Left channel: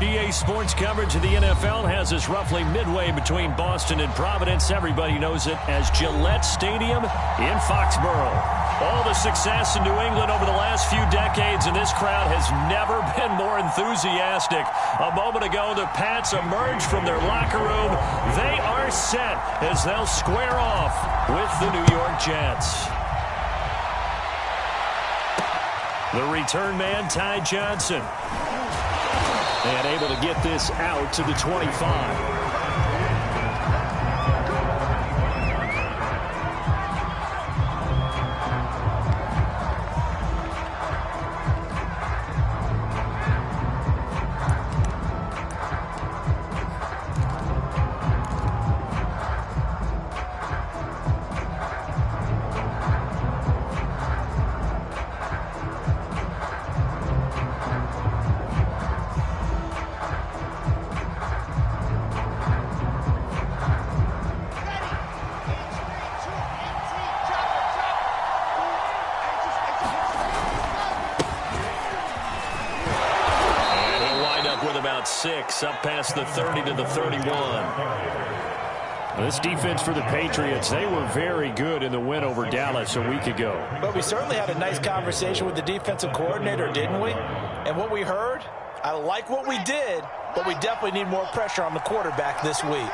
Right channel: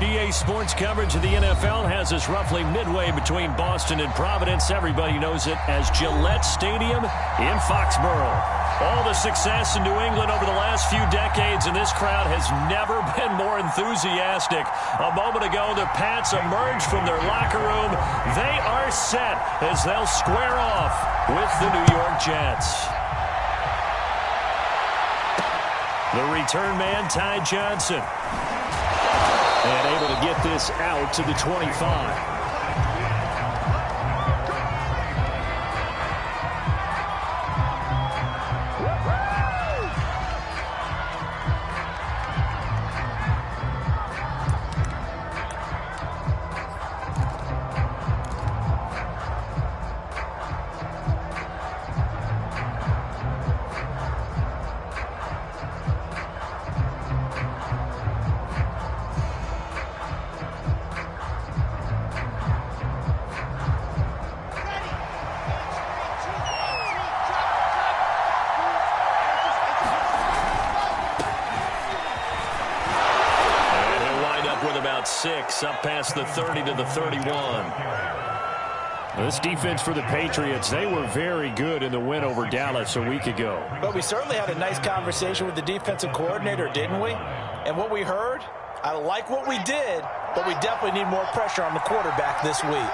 EA Sports coverage of the NFL has us roughly midway between Boston and Providence. Everybody knows it as Gillette Stadium in Foxborough. All the success in New England over the last few decades, and this crowd has never been more enthusiastic. A moment ago, the Pats emerged from their locker room. They are set as they'll square off with the New York Jets. The return man, Ty Johnson. And able to get this out to the 25. Six up past the 30 to the 31. This defense for the Patriots, they were very good in the win over Dallas a week ago. But we certainly had a nice conversation with the defensive coordinator, didn't we? And what we heard, I like what we did, but we definitely need more pressure on the quarterback this week.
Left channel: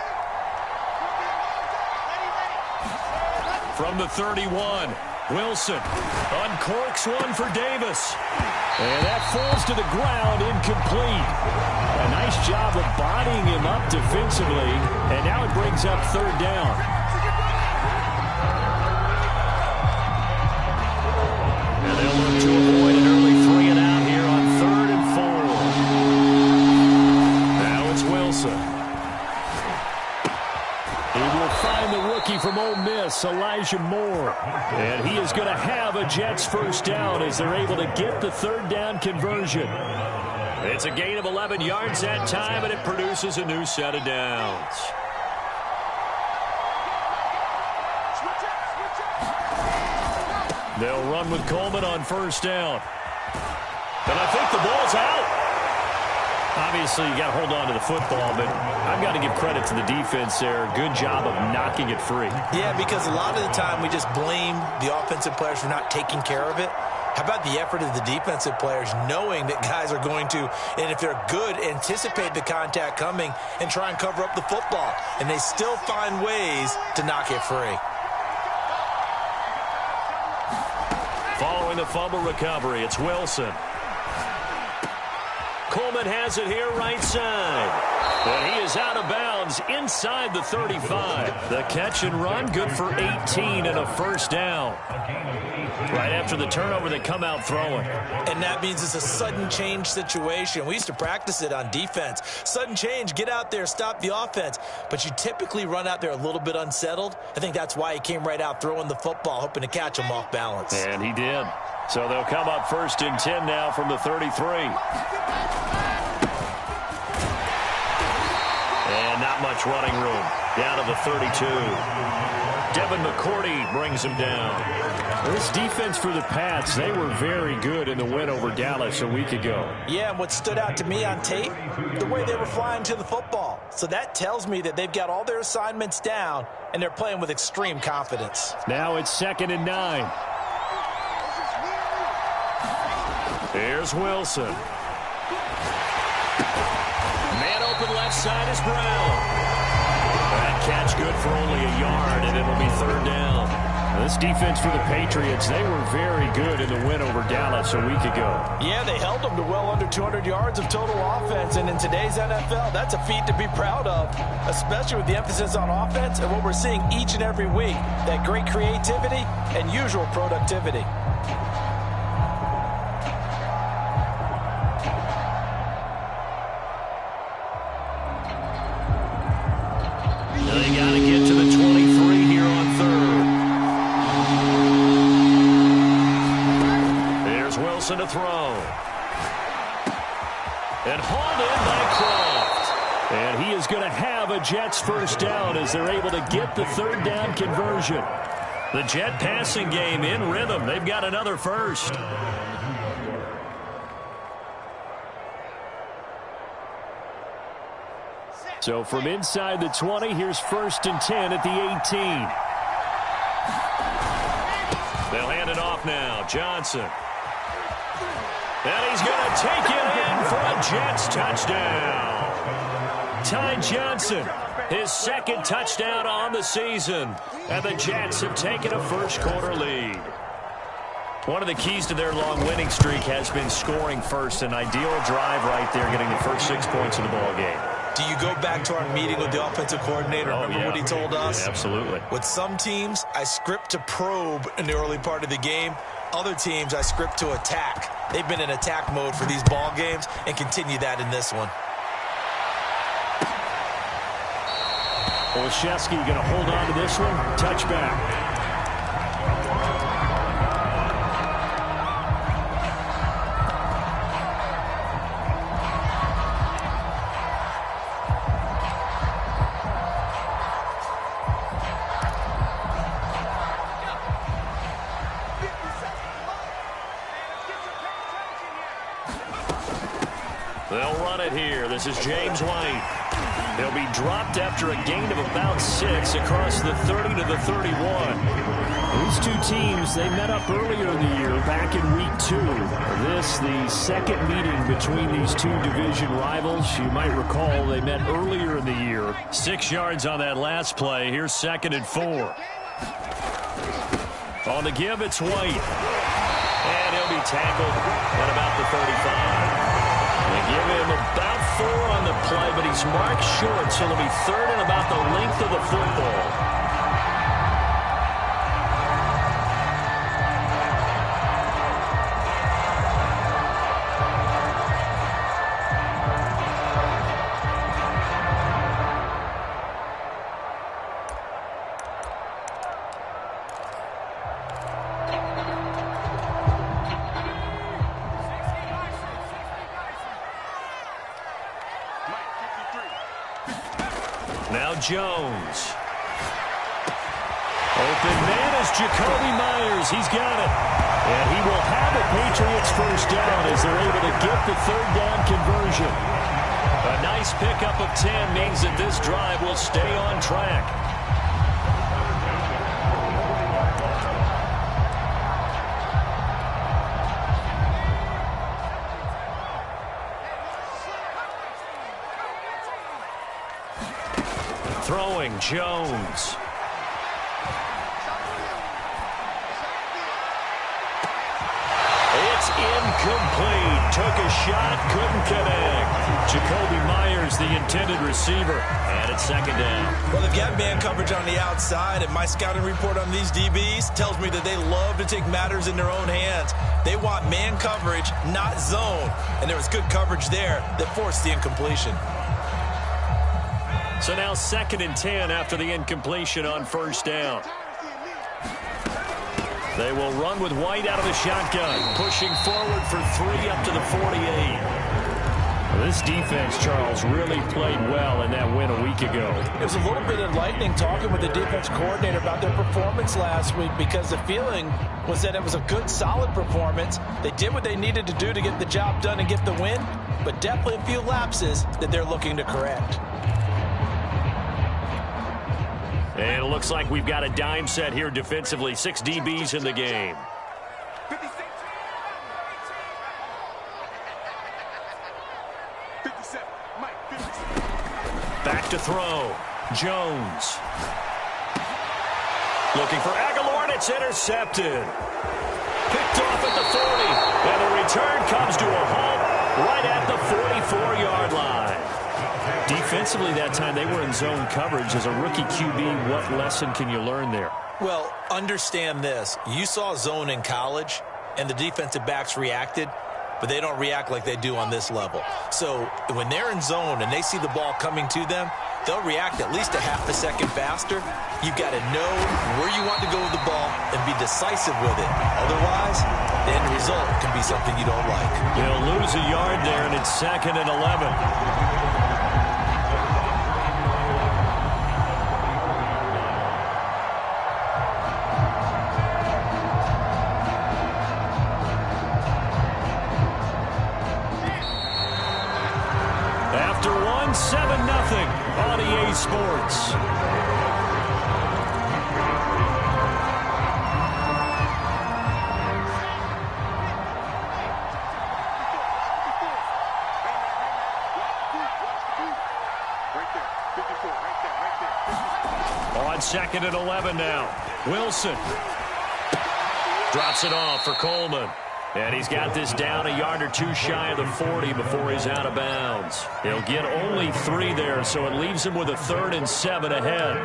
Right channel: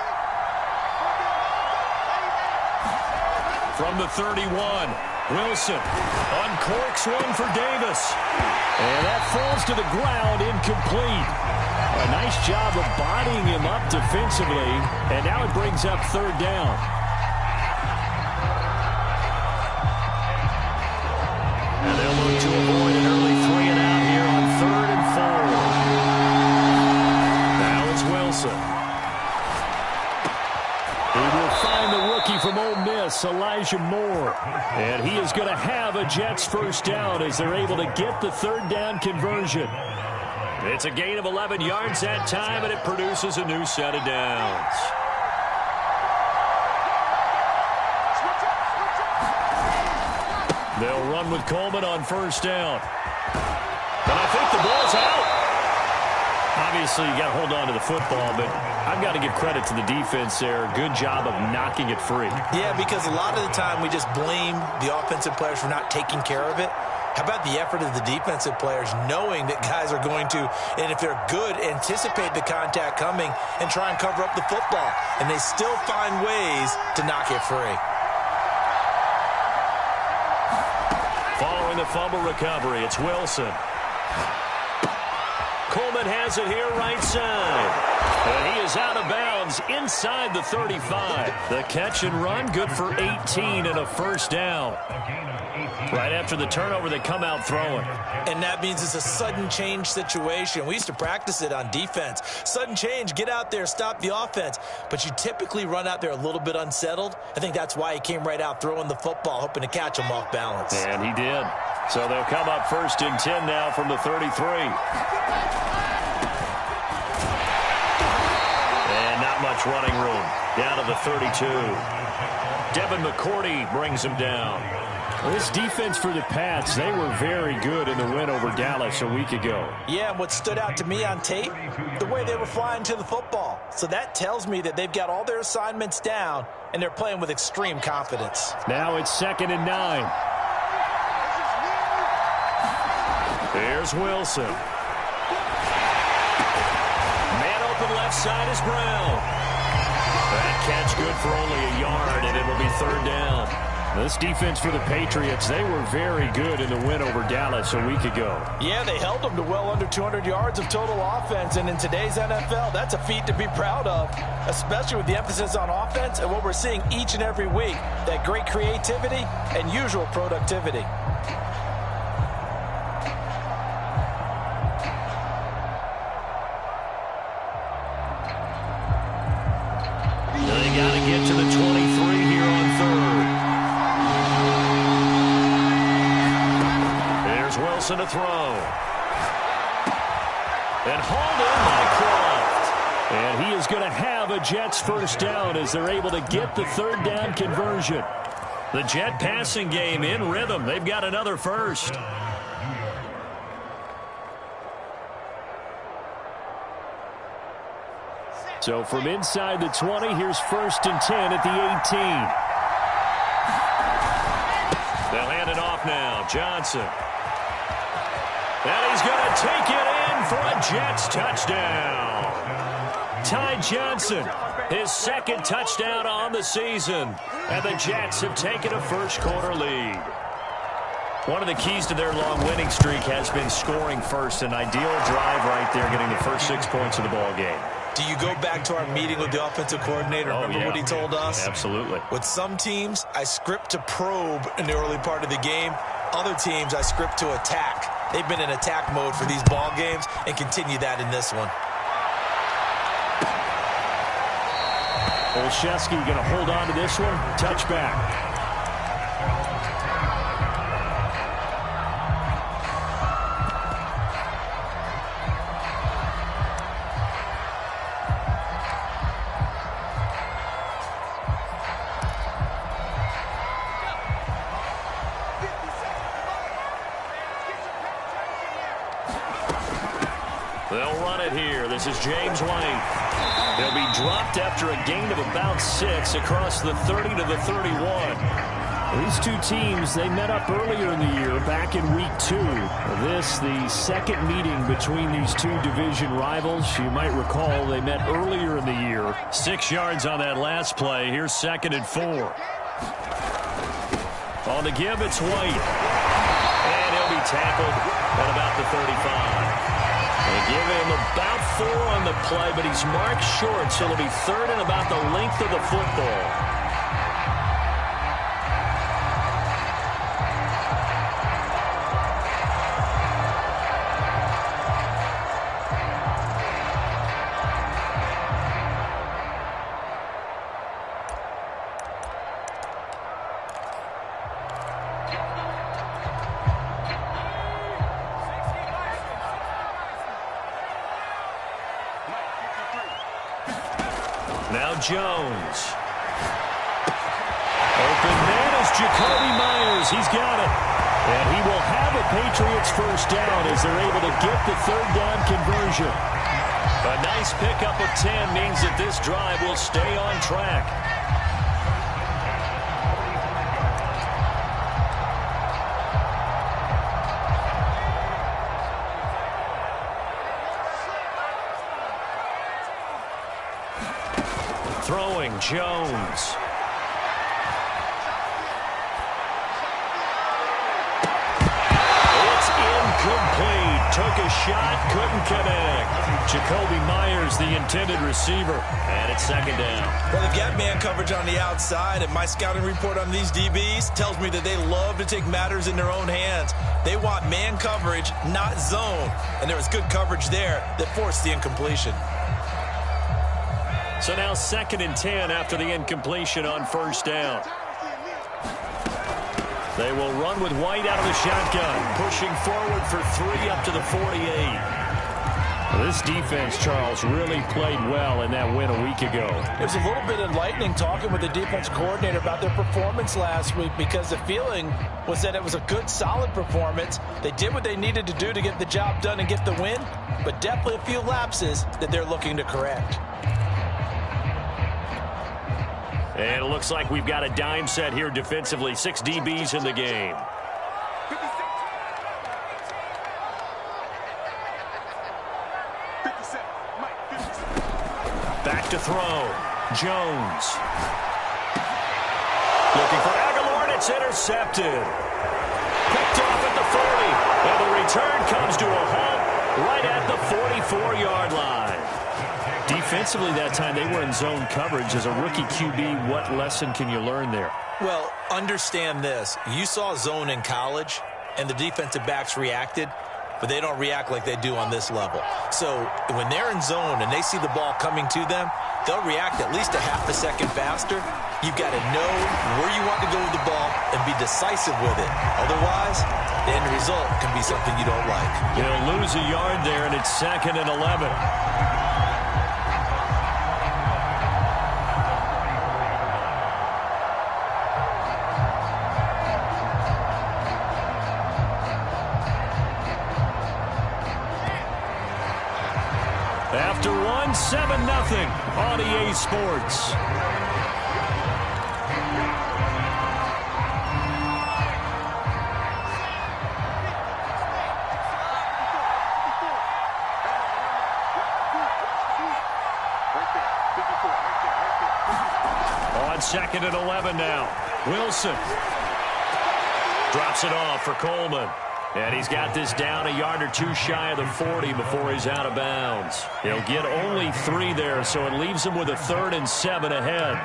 From the 31, Wilson uncorks one for Davis. And that falls to the ground, incomplete. A nice job of bodying him up defensively, and now it brings up third down. And they'll look to avoid an early 3-and-out here on 3rd and 4. Now it's Wilson. He will find the rookie from Ole Miss, Elijah Moore. And he is going to have a Jets first down as they're able to get the third down conversion. It's a gain of 11 yards that time, and it produces a new set of downs. They'll run with Coleman on first down. And I think the ball's out. Obviously, you got to hold on to the football, but I've got to give credit to the defense there. Good job of knocking it free. Yeah, because a lot of the time we just blame the offensive players for not taking care of it. How about the effort of the defensive players knowing that guys are going to, and if they're good, anticipate the contact coming and try and cover up the football. And they still find ways to knock it free. Following the fumble recovery, it's Wilson. Coleman has it here right side. And he is out of bounds inside the 35. The catch and run, good for 18 and a first down. Right after the turnover, they come out throwing. And that means it's a sudden change situation. We used to practice it on defense. Sudden change, get out there, stop the offense. But you typically run out there a little bit unsettled. I think that's why he came right out throwing the football, hoping to catch him off balance. And he did. So they'll come up 1st and 10 now from the 33. And not much running room. Down to the 32. Devin McCourty brings him down. This defense for the Pats, they were very good in the win over Dallas a week ago. Yeah, and what stood out to me on tape, the way they were flying to the football. So that tells me that they've got all their assignments down, and they're playing with extreme confidence. Now it's 2nd and 9. Here's Wilson. Man open left side is Brown. That catch good for only a yard, and it'll be third down. This defense for the Patriots, they were very good in the win over Dallas a week ago. Yeah, they held them to well under 200 yards of total offense, and in today's NFL, that's a feat to be proud of, especially with the emphasis on offense and what we're seeing each and every week, that great creativity and usual productivity. They got to get to the 23 here on 3rd. There's Wilson to throw. And hauled in by Croft. And he is going to have a Jets first down as they're able to get the third down conversion. The Jet passing game in rhythm. They've got another first. So from inside the 20, here's 1st and 10 at the 18. They'll hand it off now. Johnson. And he's going to take it in for a Jets touchdown. Ty Johnson, his 2nd touchdown on the season. And the Jets have taken a first-quarter lead. One of the keys to their long winning streak has been scoring first. An ideal drive right there, getting the first 6 points of the ball game. Do you go back to our meeting with the offensive coordinator? Remember what he told us? Absolutely. With some teams, I script to probe in the early part of the game. Other teams, I script to attack. They've been in attack mode for these ball games and continue that in this one. Olszewski going to hold on to this one. Touchback. They'll run it here. This is James White. He'll be dropped after a gain of about 6 across the 30 to the 31. These two teams, they met up earlier in the year, back in week 2. This, the second meeting between these two division rivals. You might recall they met earlier in the year. 6 yards on that last play. Here's 2nd and 4. On the give, it's White. And he'll be tackled at about the 35. They give him about 4 on the play, but he's marked short, so it'll be 3rd and about the length of the football. Now Jones. Open man is Jacoby Myers. He's got it. And he will have a Patriots first down as they're able to get the 3rd down conversion. A nice pickup of 10 means that this drive will stay on track. Throwing, Jones. It's incomplete. Took a shot, couldn't connect. Jacoby Myers, the intended receiver, and it's 2nd down. Well, they've got man coverage on the outside, and my scouting report on these DBs tells me that they love to take matters in their own hands. They want man coverage, not zone. And there was good coverage there that forced the incompletion. So now 2nd and 10 after the incompletion on 1st down. They will run with White out of the shotgun, pushing forward for 3 up to the 48. Well, this defense, Charles, really played well in that win a week ago. It was a little bit enlightening talking with the defense coordinator about their performance last week, because the feeling was that it was a good, solid performance. They did what they needed to do to get the job done and get the win, but definitely a few lapses that they're looking to correct. And it looks like we've got a dime set here defensively. 6 DBs in the game. Back to throw. Jones. Looking for Aguilar, and it's intercepted. Picked off at the 40. And the return comes to a halt right at the 44-yard line. Defensively that time, they were in zone coverage. As a rookie QB, what lesson can you learn there? Well, understand this. You saw zone in college, and the defensive backs reacted, but they don't react like they do on this level. So when they're in zone and they see the ball coming to them, they'll react at least a half a second faster. You've got to know where you want to go with the ball and be decisive with it. Otherwise, the end result can be something you don't like. They'll lose a yard there, and it's 2nd and 11. After 1, 7-0 on EA Sports. On 2nd and 11 now. Wilson drops it off for Coleman. And he's got this down a yard or two shy of the 40 before he's out of bounds. He'll get only 3 there, so it leaves him with a 3rd and 7 ahead.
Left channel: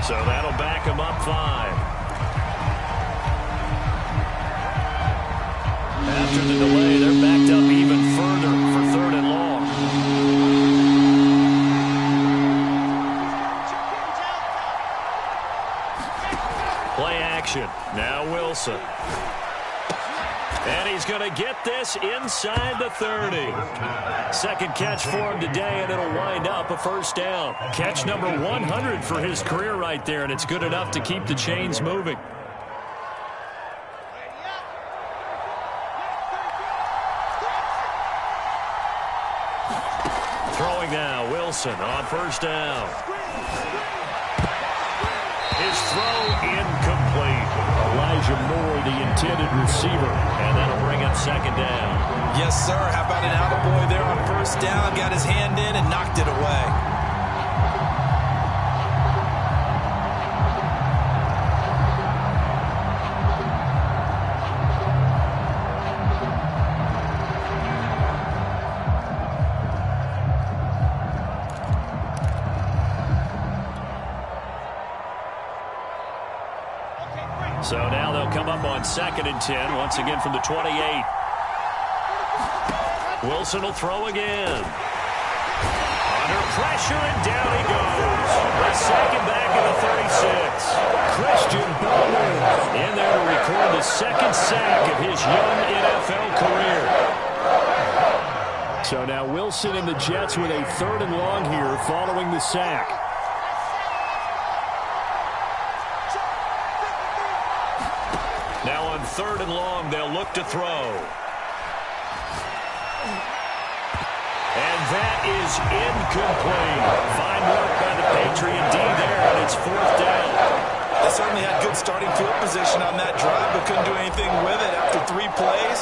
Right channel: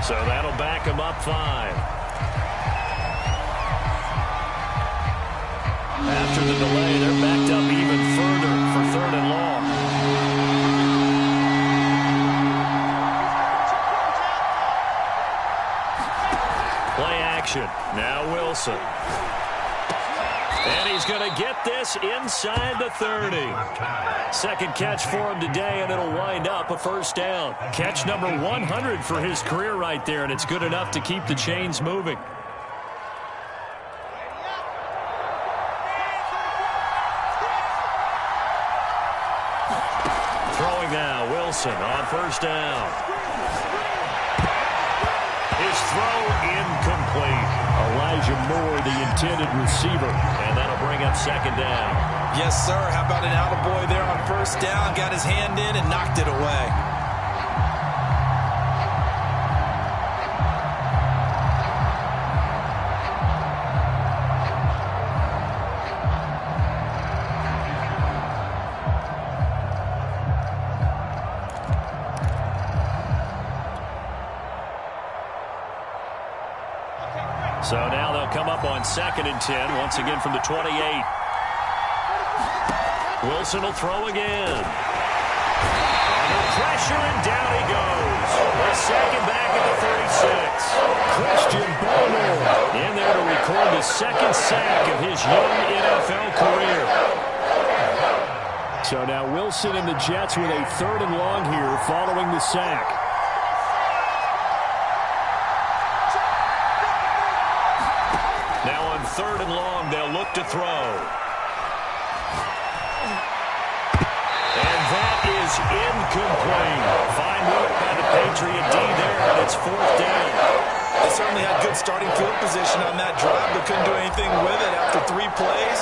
So that'll back him up 5. After the delay, they're backed up even further for 3rd and long. Play action. Now Wilson. And he's going to get this inside the 30. Second catch for him today, and it'll wind up a 1st down. Catch number 100 for his career right there, and it's good enough to keep the chains moving. Throwing now, Wilson on 1st down. His throw incomplete. Elijah Moore, the intended receiver, and that'll bring up 2nd down. Yes, sir. How about an attaboy there on 1st down? Got his hand in and knocked it away. So now they'll come up on 2nd and 10, once again from the 28. Wilson will throw again. Under pressure, and down he goes. The 2nd back at the 36. Christian Bowman in there to record the 2nd sack of his young NFL career. So now Wilson and the Jets with a 3rd and long here following the sack. Now on 3rd and long, they'll look to throw. And that is incomplete. Fine work by the Patriot D there, and it's 4th down. They certainly had good starting field position on that drive, but couldn't do anything with it after 3 plays.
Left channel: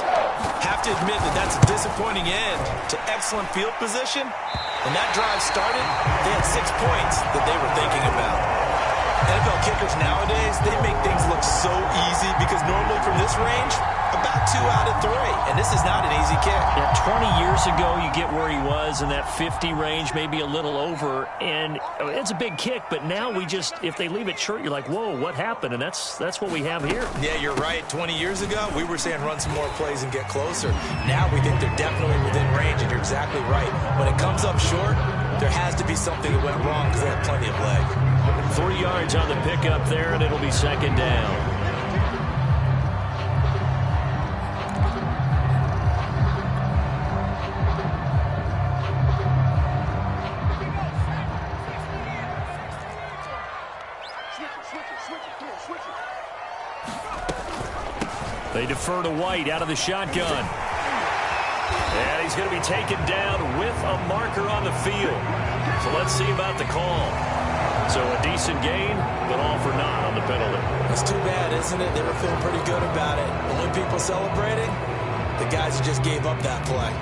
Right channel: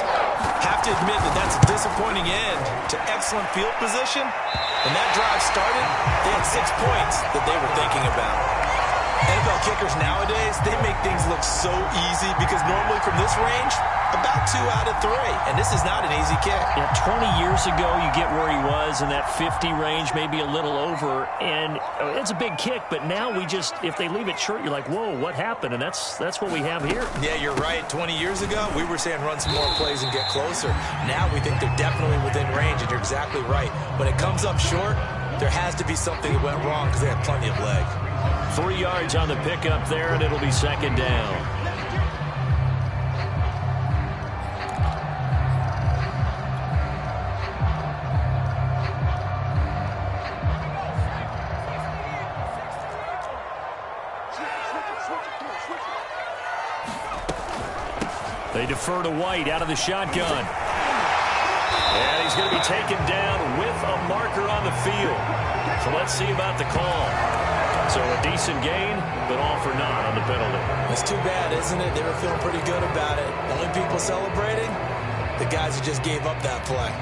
Have to admit that that's a disappointing end to excellent field position. When that drive started, they had 6 points that they were thinking about. NFL kickers nowadays, they make things look so easy because normally from this range, about 2 out of 3. And this is not an easy kick. Yeah, 20 years ago, you get where he was in that 50 range, maybe a little over. And it's a big kick, but now we just, if they leave it short, you're like, whoa, what happened? And that's what we have here. Yeah, you're right. 20 years ago, we were saying run some more plays and get closer. Now we think they're definitely within range, and you're exactly right. When it comes up short, there has to be something that went wrong because they had plenty of leg. 3 yards on the pickup there, and it'll be 2nd down. They defer to White out of the shotgun. And he's going to be taken down with a marker on the field. So let's see about the call. So a decent gain, but all for naught on the penalty. It's too bad, isn't it? They were feeling pretty good about it. Only people celebrating, the guys who just gave up that play.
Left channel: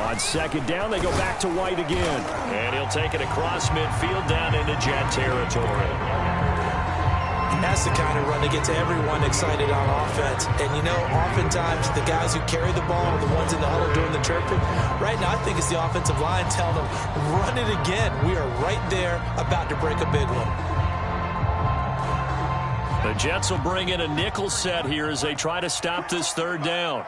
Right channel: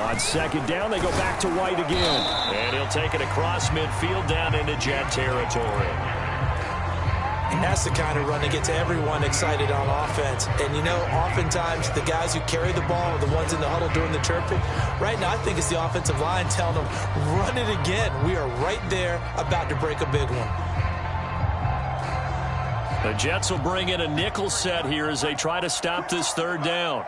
On 2nd down, they go back to White again. And he'll take it across midfield down into Jet territory. That's the kind of run that gets everyone excited on offense. And, you know, oftentimes the guys who carry the ball are the ones in the huddle doing the chirping. Right now, I think it's the offensive line telling them, run it again. We are right there about to break a big one. The Jets will bring in a nickel set here as they try to stop this third down.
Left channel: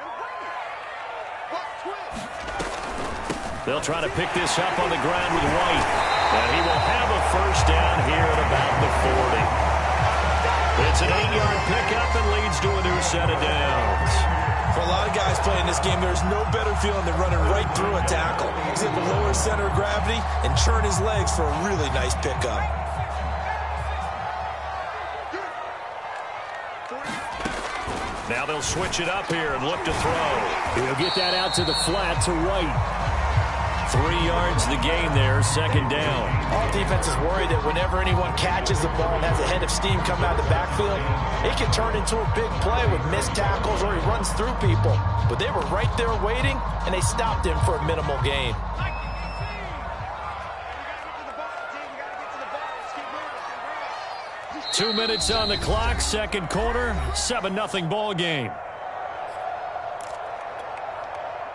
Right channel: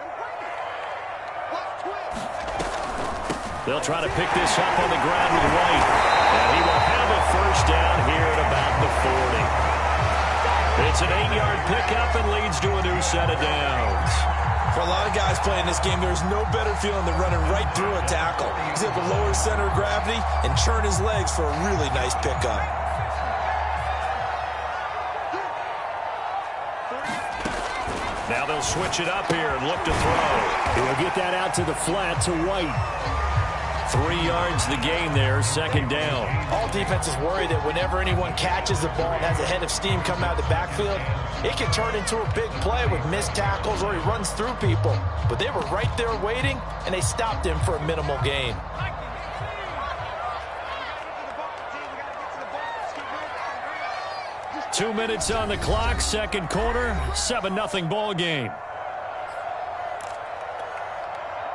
They'll try to pick this up on the ground with White. And he will have a first down here at about the 40. It's an 8-yard pickup and leads to a new set of downs. For a lot of guys playing this game, there's no better feeling than running right through a tackle. He's able to lower his center of gravity and churn his legs for a really nice pickup. Now they'll switch it up here and look to throw. He'll get that out to the flat to White. 3 yards the gain there, second down. All defenses worry that whenever anyone catches the ball and has a head of steam come out of the backfield, it can turn into a big play with missed tackles or he runs through people. But they were right there waiting, and they stopped him for a minimal gain. Two minutes on the clock, second quarter, 7-0 ball game.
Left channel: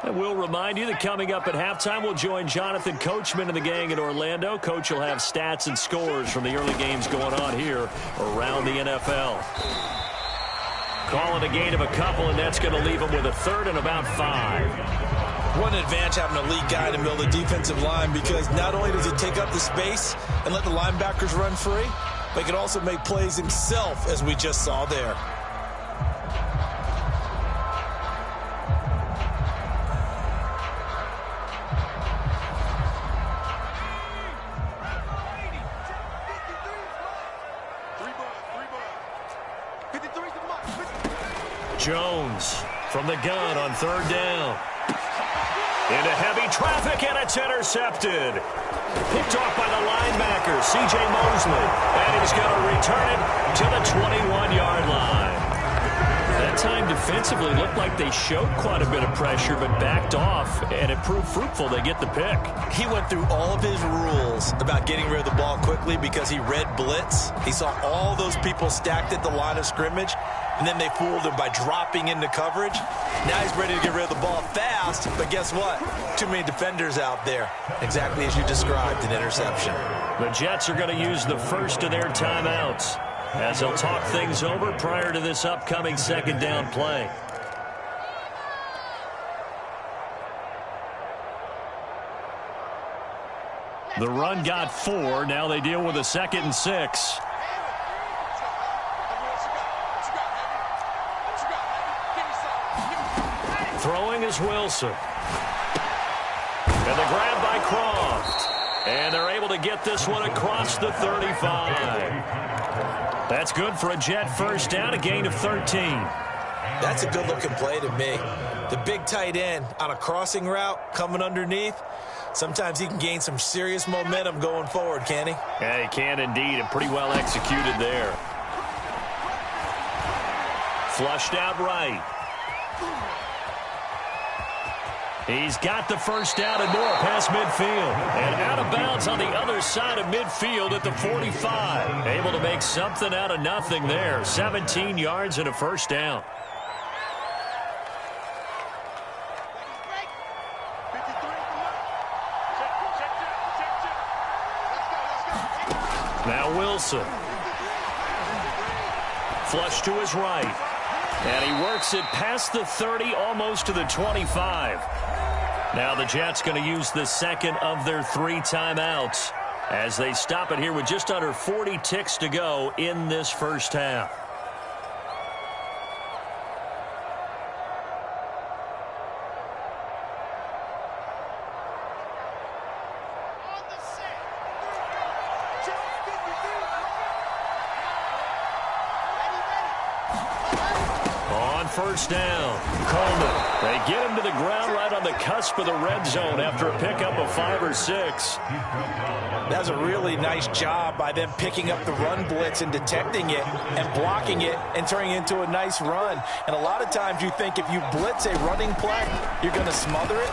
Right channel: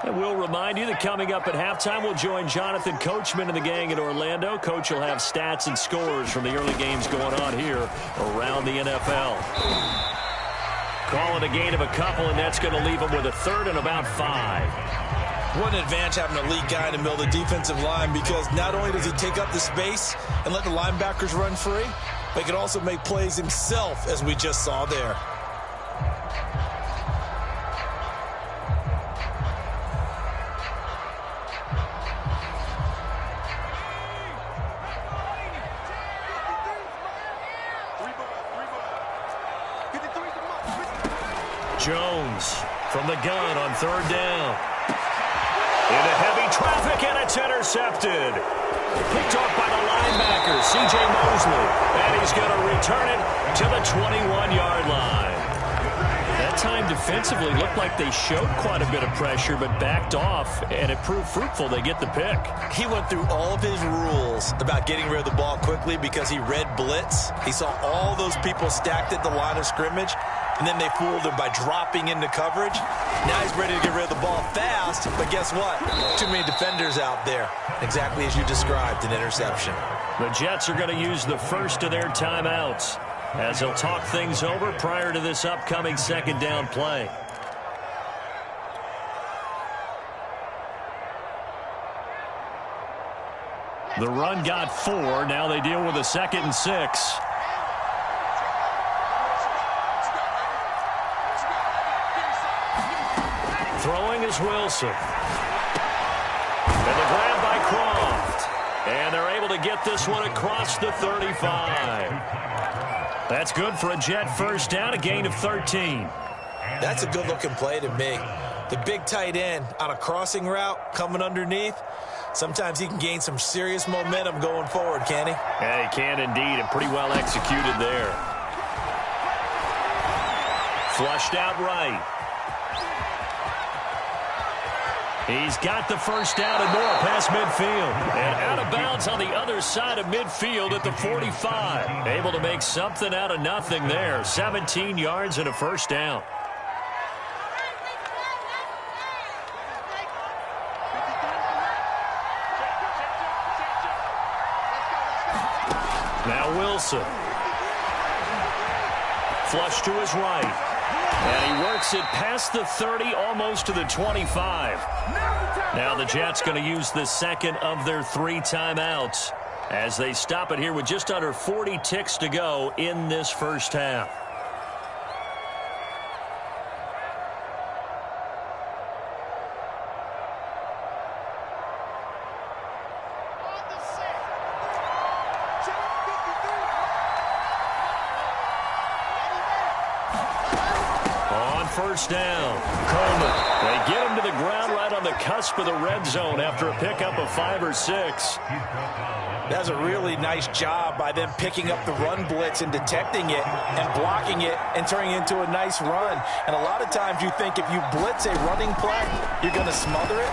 And we'll remind you that coming up at halftime, we'll join Jonathan Coachman and the gang in Orlando. Coach will have stats and scores from the early games going on here around the NFL. Call it a gain of a couple, and that's going to leave them with a third and about 5. What an advantage having a lead guy in the middle of the defensive line, because not only does he take up the space and let the linebackers run free, but he can also make plays himself, as we just saw there. Jones from the gun on third down. Into heavy traffic, and it's intercepted. Picked off by the linebacker, C.J. Mosley. And he's going to return it to the 21-yard line. That time defensively looked like they showed quite a bit of pressure, but backed off, and it proved fruitful. They get the pick. He went through all of his rules about getting rid of the ball quickly because he read blitz. He saw all those people stacked at the line of scrimmage, and then they fooled him by dropping into coverage. Now he's ready to get rid of the ball fast, but guess what? Too many defenders out there. Exactly as you described, an interception. The Jets are going to use the first of their timeouts as they'll talk things over prior to this upcoming second down play. The run got 4. Now they deal with a 2nd and 6. Throwing is Wilson. And the grab by Croft. And they're able to get this one across the 35. That's good for a Jet first down, a gain of 13. That's a good-looking play to me. The big tight end on a crossing route coming underneath, sometimes he can gain some serious momentum going forward, can he? Yeah, he can indeed, and pretty well executed there. Flushed out right. He's got the first down and more past midfield. And out of bounds on the other side of midfield at the 45. Able to make something out of nothing there. 17 yards and a first down. Now Wilson. Flush to his right. And he works it past the 30, almost to the 25. Now the Jets going to use the second of their 3 timeouts as they stop it here with just under 40 ticks to go in this first half. First down. Coleman. They get him to the ground right on the cusp of the red zone after a pickup of 5 or 6. That was a really nice job by them picking up the run blitz and detecting it and blocking it and turning it into a nice run. And a lot of times you think if you blitz a running play, you're going to smother it.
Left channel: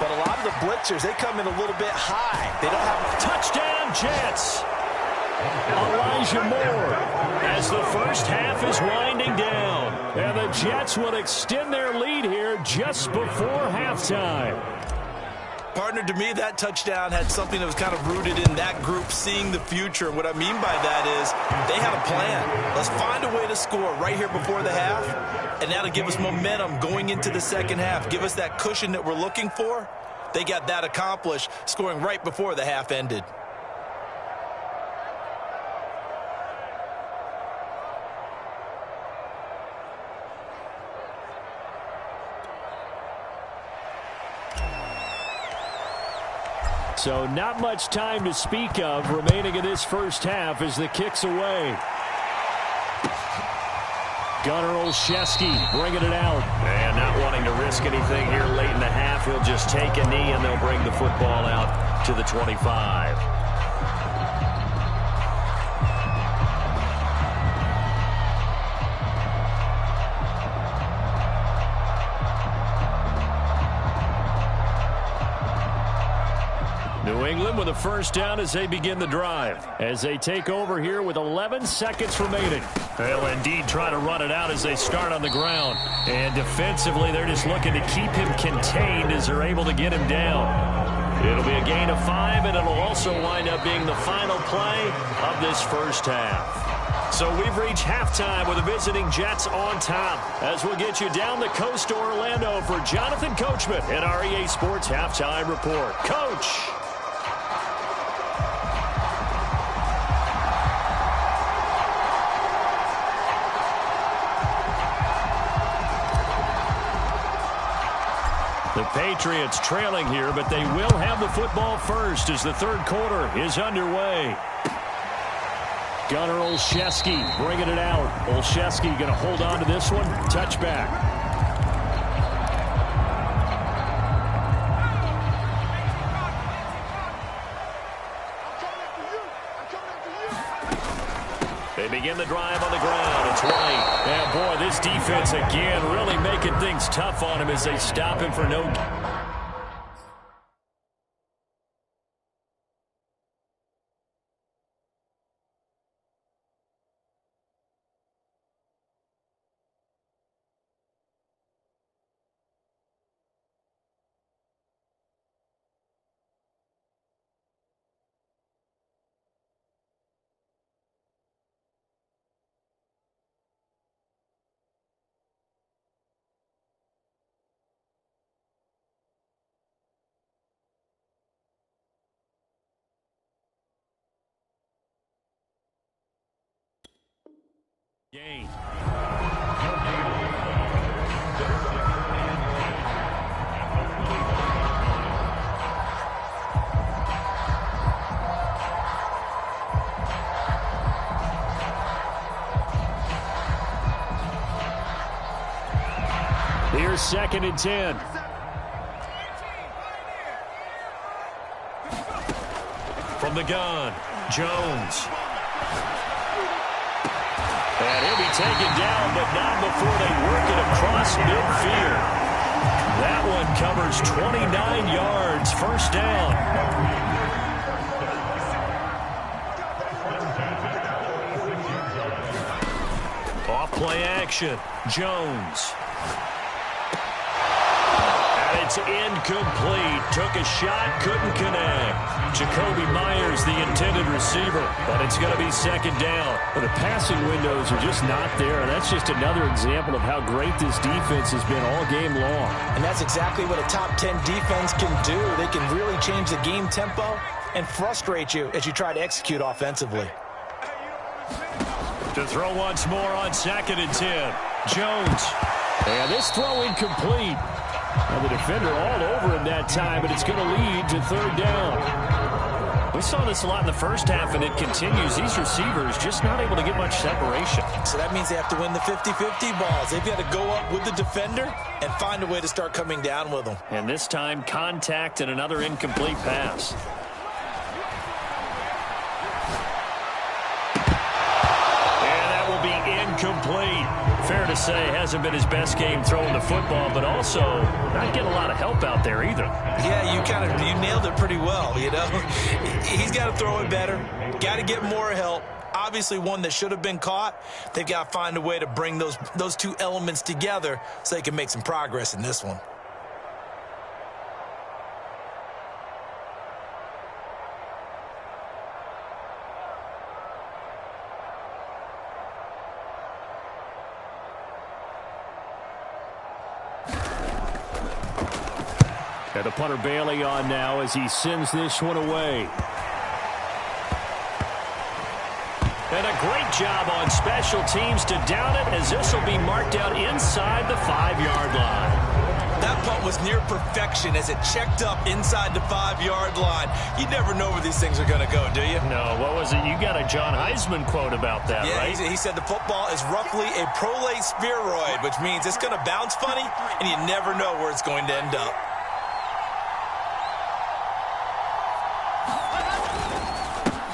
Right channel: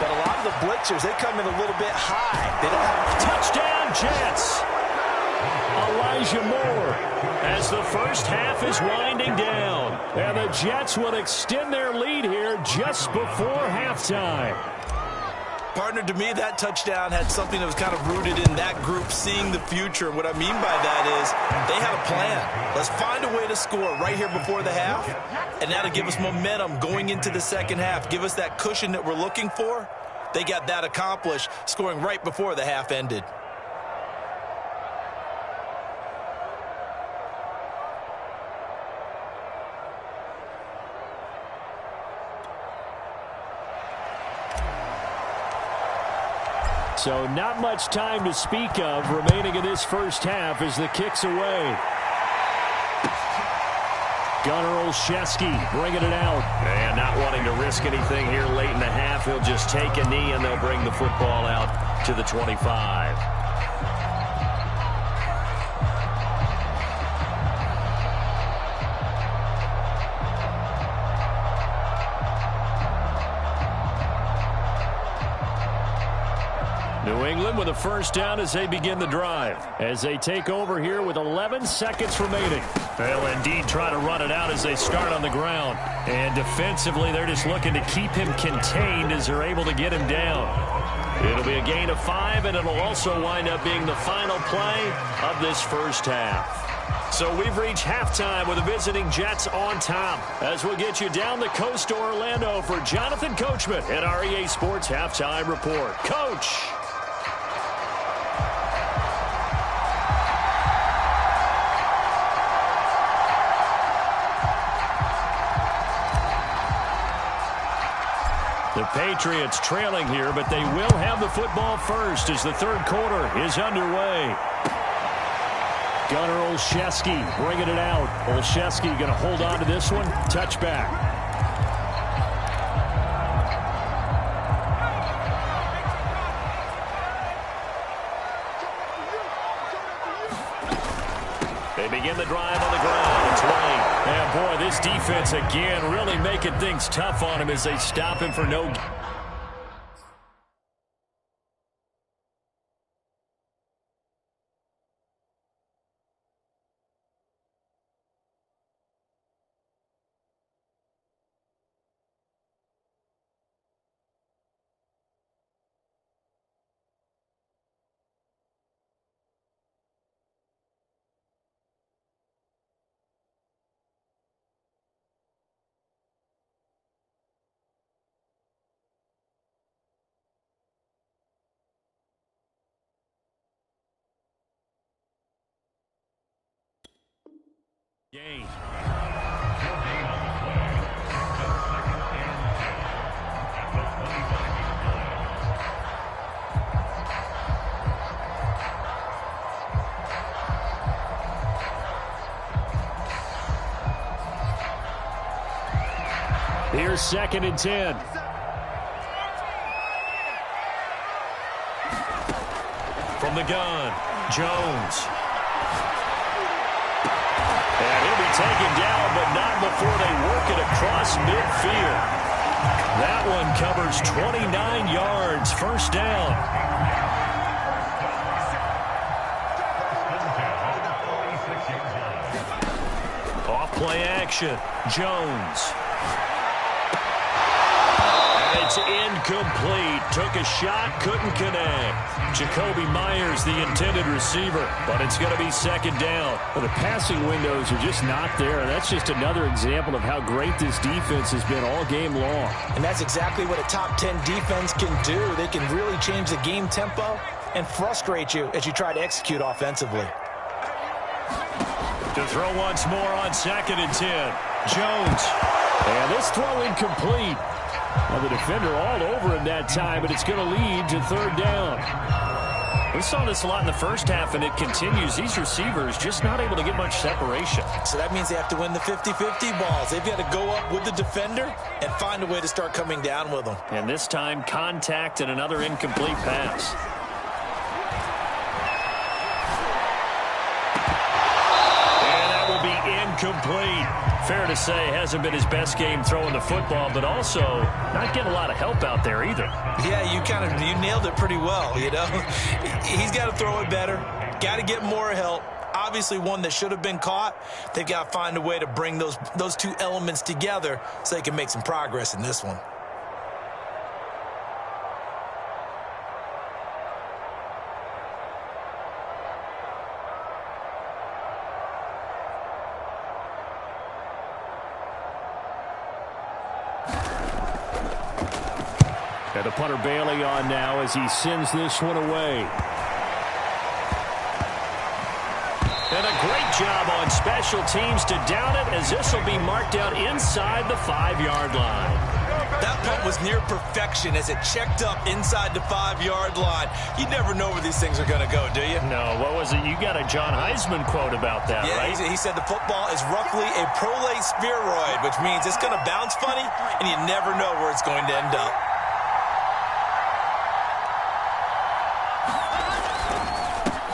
But a lot of the blitzers, they come in a little bit high. They don't have... Touchdown, Jets! Elijah Moore, as the first half is winding down. And the Jets will extend their lead here just before halftime. Partner, to me, that touchdown had something that was kind of rooted in that group seeing the future. What I mean by that is they had a plan. Let's find a way to score right here before the half, and that'll give us momentum going into the second half, give us that cushion that we're looking for. They got that accomplished, scoring right before the half ended. So not much time to speak of remaining in this first half as the kick's away. Gunnar Olszewski bringing it out. And not wanting to risk anything here late in the half, he'll just take a knee and they'll bring the football out to the 25. New England with a first down as they begin the drive. As they take over here with 11 seconds remaining. They'll indeed try to run it out as they start on the ground. And defensively, they're just looking to keep him contained as they're able to get him down. It'll be a gain of 5, and it'll also wind up being the final play of this first half. So we've reached halftime with the visiting Jets on top. As we'll get you down the coast to Orlando for Jonathan Coachman at our EA Sports Halftime Report. Coach! The Patriots trailing here, but they will have the football first as the third quarter is underway. Gunnar Olszewski bringing it out. Olszewski going to hold on to this one. Touchback. They begin the drive on the ground. It's White. And boy, this defense again really making things tough on him as they stop him for no. Gain. Here's 2nd and 10. From the gun, Jones. And he'll be taken down, but not before they work it across midfield. That one covers 29 yards, first down. Off play action, Jones. And it's incomplete. Took a shot, couldn't connect. Jacoby Myers, the intended receiver, but it's going to be 2nd down. Well, the passing windows are just not there. That's just another example of how great this defense has been all game long. And that's exactly what a top 10 defense can do. They can really change the game tempo and frustrate you as you try to execute offensively. To throw once more on 2nd and 10. Jones. And this throw incomplete. Now the defender all over him that time, but it's going to lead to 3rd down. We saw this a lot in the first half, and it continues. These receivers just not able to get much separation. So that means they have to win the 50-50 balls. They've got to go up with the defender and find a way to start coming down with them. And this time, contact and another incomplete pass. And that will be incomplete. Fair to say, hasn't been his best game throwing the football, but also not getting a lot of help out there either. Yeah, you nailed it pretty well, you know. He's got to throw it better. Got to get more help. Obviously one that should have been caught. They've got to find a way to bring those two elements together so they can make some progress in this one. And the punter Bailey on now as he sends this one away. And a great job on special teams to down it, as this will be marked out inside the 5-yard line. That punt was near perfection as it checked up inside the 5-yard line. You never know where these things are going to go, do you? No, what was it? You got a John Heisman quote about that, right? He said the football is roughly a prolate spheroid, which means it's going to bounce funny, and you never know where it's going to end up.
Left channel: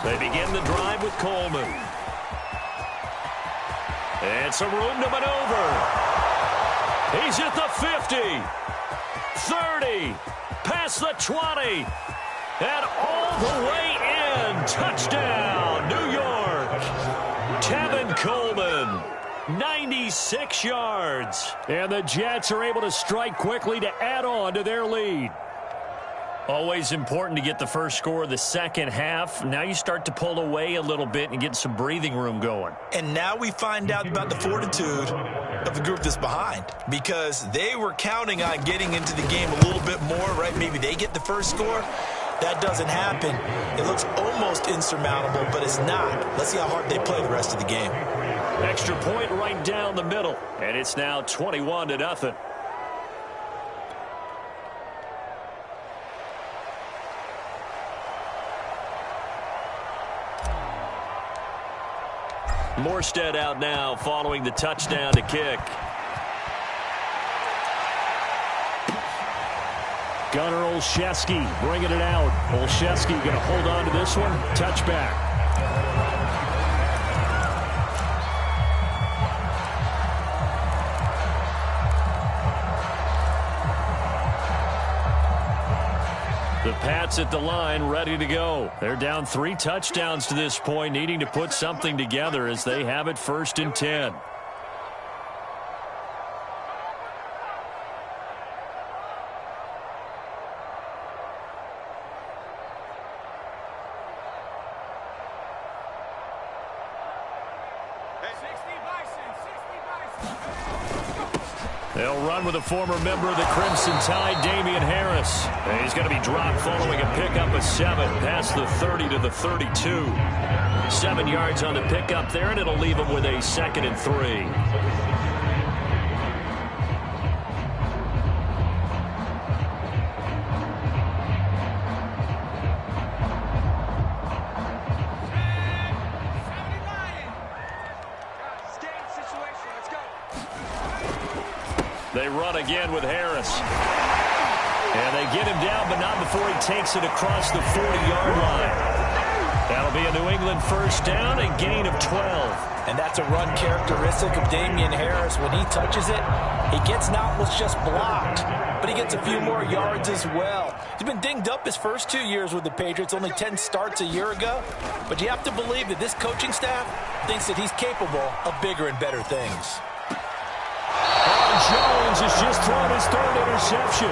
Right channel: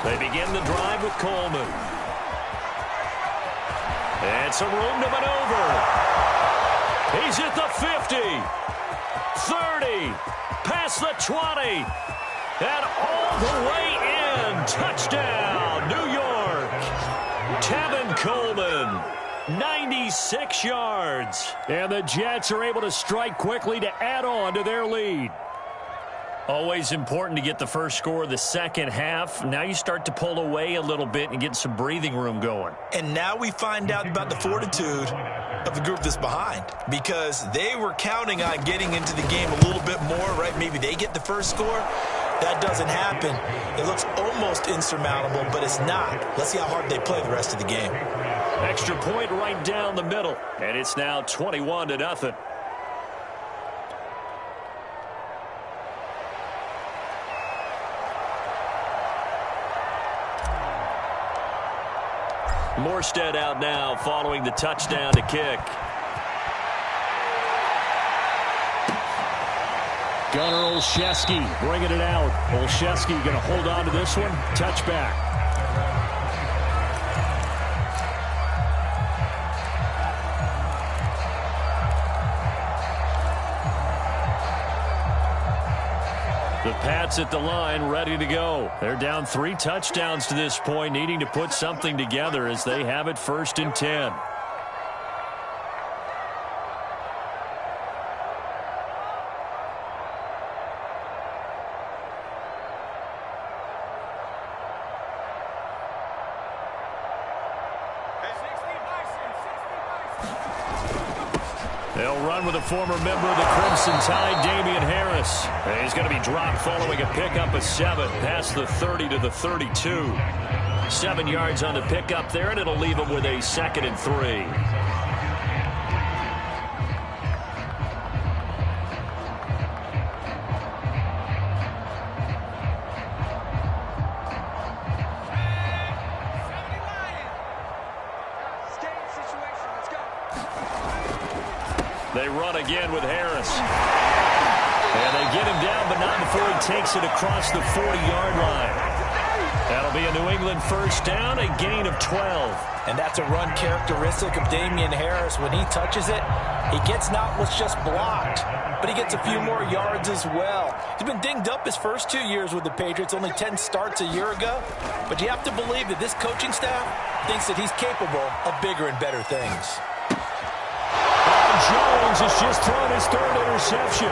They begin the drive with Coleman. It's a room to maneuver. He's at the 50, 30, past the 20, and all the way in. Touchdown, New York. Tevin Coleman, 96 yards. And the Jets are able to strike quickly to add on to their lead. Always important to get the first score of the second half. Now you start to pull away a little bit and get some breathing room going. And now we find out about the fortitude of the group that's behind, because they were counting on getting into the game a little bit more, right? Maybe they get the first score. That doesn't happen. It looks almost insurmountable, but it's not. Let's see how hard they play the rest of the game. Extra point right down the middle, and it's now 21-0. Morstead out now following the touchdown to kick. Gunnar Olszewski bringing it out. Olszewski going to hold on to this one. Touchback. The Pats at the line, ready to go. They're down 3 touchdowns to this point, needing to put something together as they have it 1st and 10. They'll run with a former member of the Crimson Tide, Damian Harris. And he's going to be dropped following a pickup of 7 past the 30 to the 32. 7 yards on the pickup there, and it'll leave him with a 2nd and 3. They run again with Harris. And they get him down, but not before he takes it across the 40-yard line. That'll be a New England first down, a gain of 12. And that's a run characteristic of Damian Harris. When he touches it, he gets not what's just blocked, but he gets a few more yards as well. He's been dinged up his first 2 years with the Patriots, only 10 starts a year ago. But you have to believe that this coaching staff thinks that he's capable of bigger and better things. Jones has just thrown his 3rd interception.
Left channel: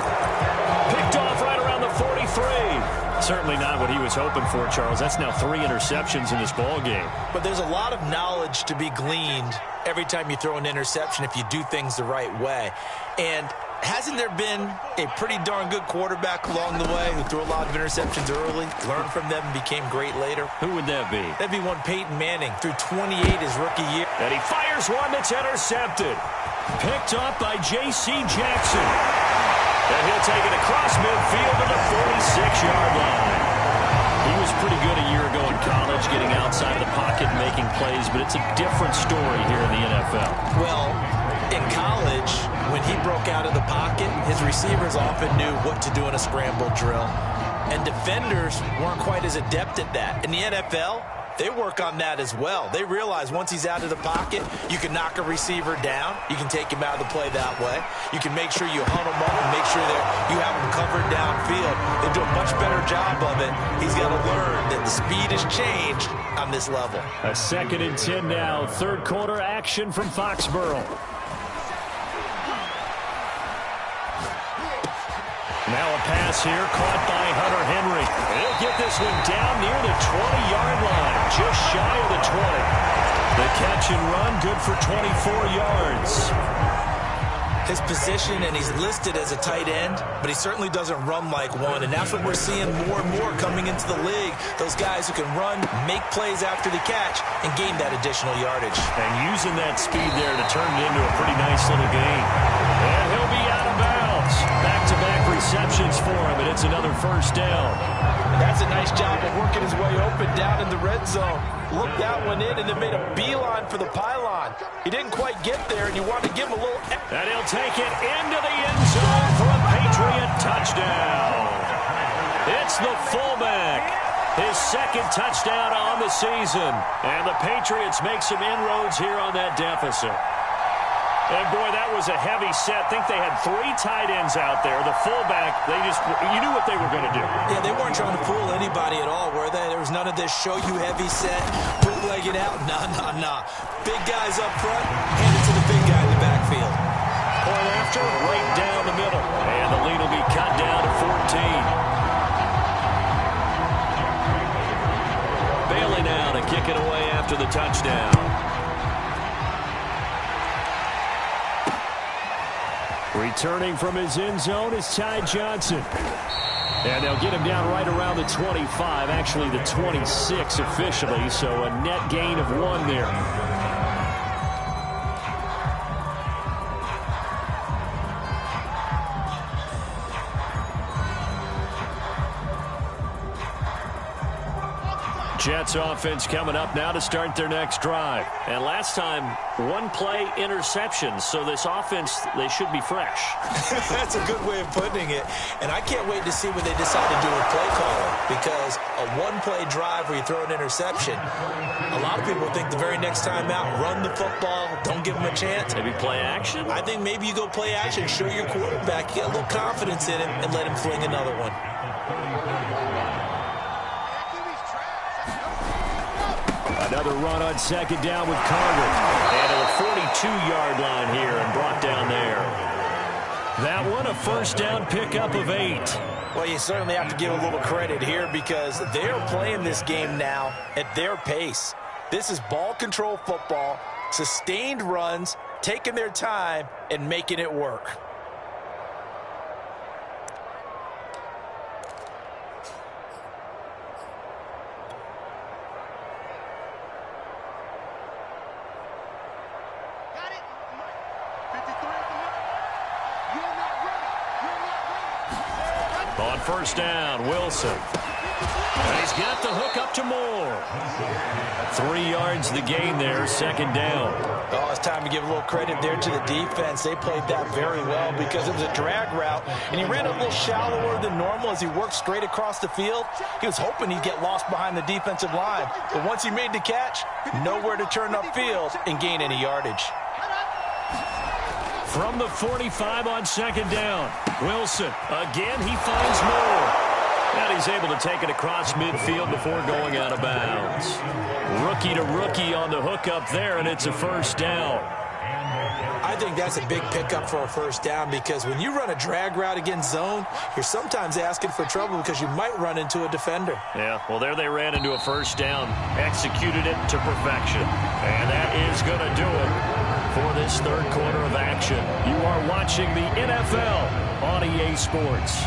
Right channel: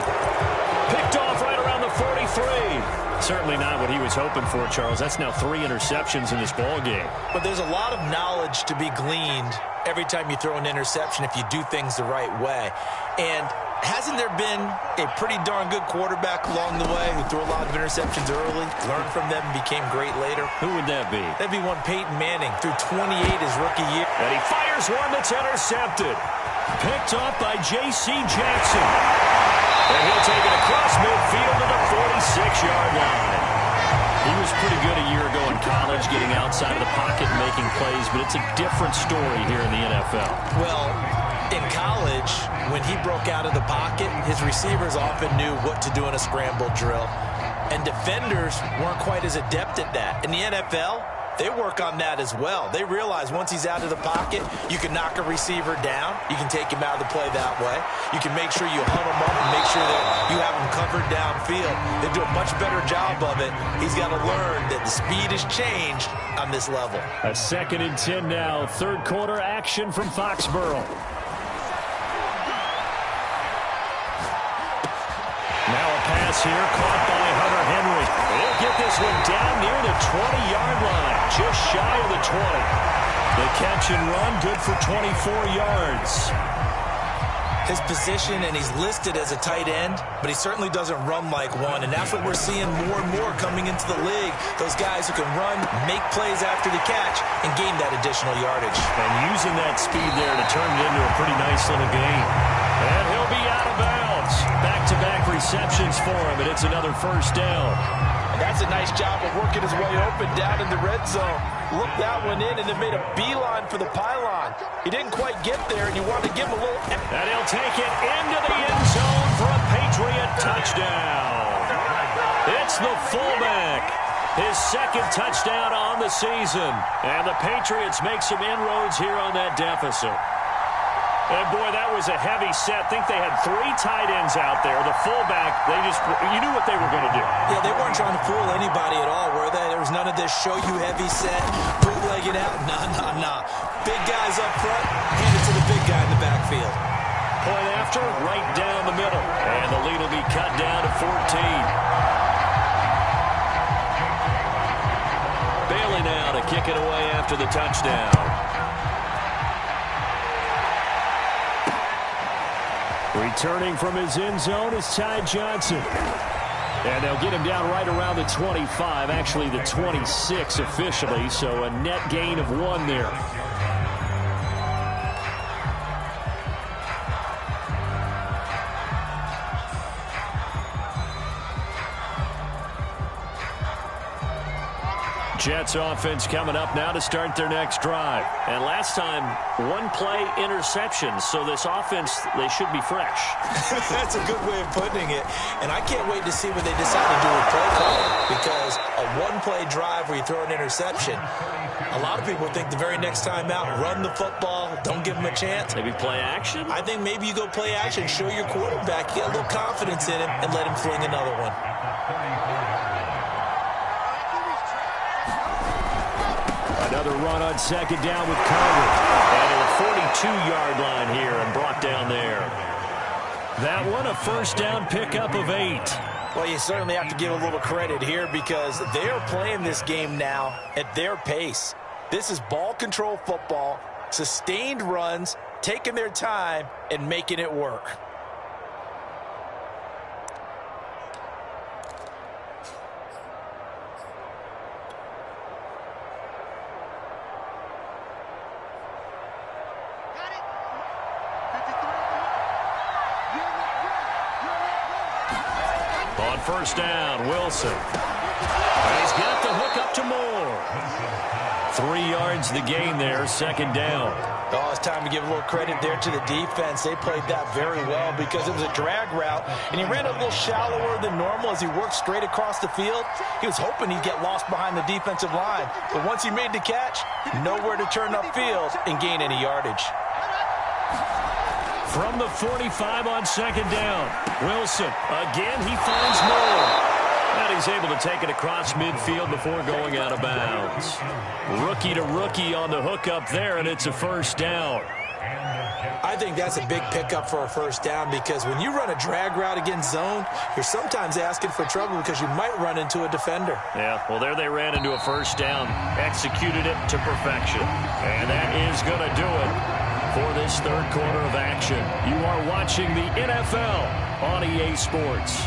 Picked off right around the 43. Certainly not what he was hoping for, Charles. That's now 3 interceptions in this ball game. But there's a lot of knowledge to be gleaned every time you throw an interception if you do things the right way. And hasn't there been a pretty darn good quarterback along the way who threw a lot of interceptions early, learned from them, and became great later? Who would that be? That'd be one Peyton Manning, threw 28 his rookie year. And he fires one that's intercepted. Picked up by J.C. Jackson. And he'll take it across midfield to the 46-yard line. He was pretty good a year ago in college, getting outside of the pocket and making plays, but it's a different story here in the NFL. Well, in college, when he broke out of the pocket, his receivers often knew what to do in a scramble drill. And defenders weren't quite as adept at that. In the NFL, they work on that as well. They realize once he's out of the pocket, you can knock a receiver down. You can take him out of the play that way. You can make sure you hunt him up and make sure that you have him covered downfield. They do a much better job of it. He's got to learn that the speed has changed on this level. A 2nd and 10 now. Third quarter action from Foxborough. Now a pass here, caught by Hunter Henry. He'll get this one down near the 20-yard line, just shy of the 20. The catch and run, good for 24 yards. His position, and he's listed as a tight end, but he certainly doesn't run like one, and that's what we're seeing more and more coming into the league. Those guys who can run, make plays after the catch, and gain that additional yardage. And using that speed there to turn it into a pretty nice little game. And he'll be out of bounds. Back-to-back receptions for him, and it's another first down. And that's a nice job of working his way open down in the red zone. Looked that one in and then made a beeline for the pylon. He didn't quite get there, and you want to give him a little... And he'll take it into the end zone for a Patriot touchdown. It's the fullback. His 2nd touchdown on the season. And the Patriots make some inroads here on that deficit. And, boy, that was a heavy set. I think they had 3 tight ends out there. The fullback, you knew what they were going to do. Yeah, they weren't trying to fool anybody at all, were they? There was none of this show-you-heavy set, bootleg it out. Nah. Big guys up front, hand it to the big guy in the backfield. Point after, right down the middle. And the lead will be cut down to 14. Bailey now to kick it away after the touchdown. Returning from his end zone is Ty Johnson. And they'll get him down right around the 25, actually the 26 officially, so a net gain of 1 there. Jets offense coming up now to start their next drive. And last time, 1-play interception. So this offense, they should be fresh. That's a good way of putting it. And I can't wait to see what they decide to do with play calling. Because a 1-play drive where you throw an interception, a lot of people think the very next time out, run the football, don't give them a chance. Maybe play action? I think maybe you go play action, show your quarterback, you get a little confidence in him, and let him fling another one. Another run on 2nd down with Carter. And to the 42-yard line here and brought down there. That one a first down pickup of 8. Well, you certainly have to give a little credit here because they're playing this game now at their pace. This is ball control football, sustained runs, taking their time, and making it work. On first down, Wilson. And he's got the hook up to Moore. 3 yards the gain there, 2nd down. Oh, it's time to give a little credit there to the defense. They played that very well because it was a drag route, and he ran a little shallower than normal as he worked straight across the field. He was hoping he'd get lost behind the defensive line, but once he made the catch, nowhere to turn upfield and gain any yardage. From the 45 on 2nd down, Wilson. Again, he finds Moore. And he's able to take it across midfield before going out of bounds. Rookie to rookie on the hookup there, and it's a first down. I think that's a big pickup for a first down because when you run a drag route against zone, you're sometimes asking for trouble because you might run into a defender. Yeah, well, there they ran into a first down, executed it to perfection. And that is going to do it for this 3rd quarter of action. You are watching the NFL on EA Sports.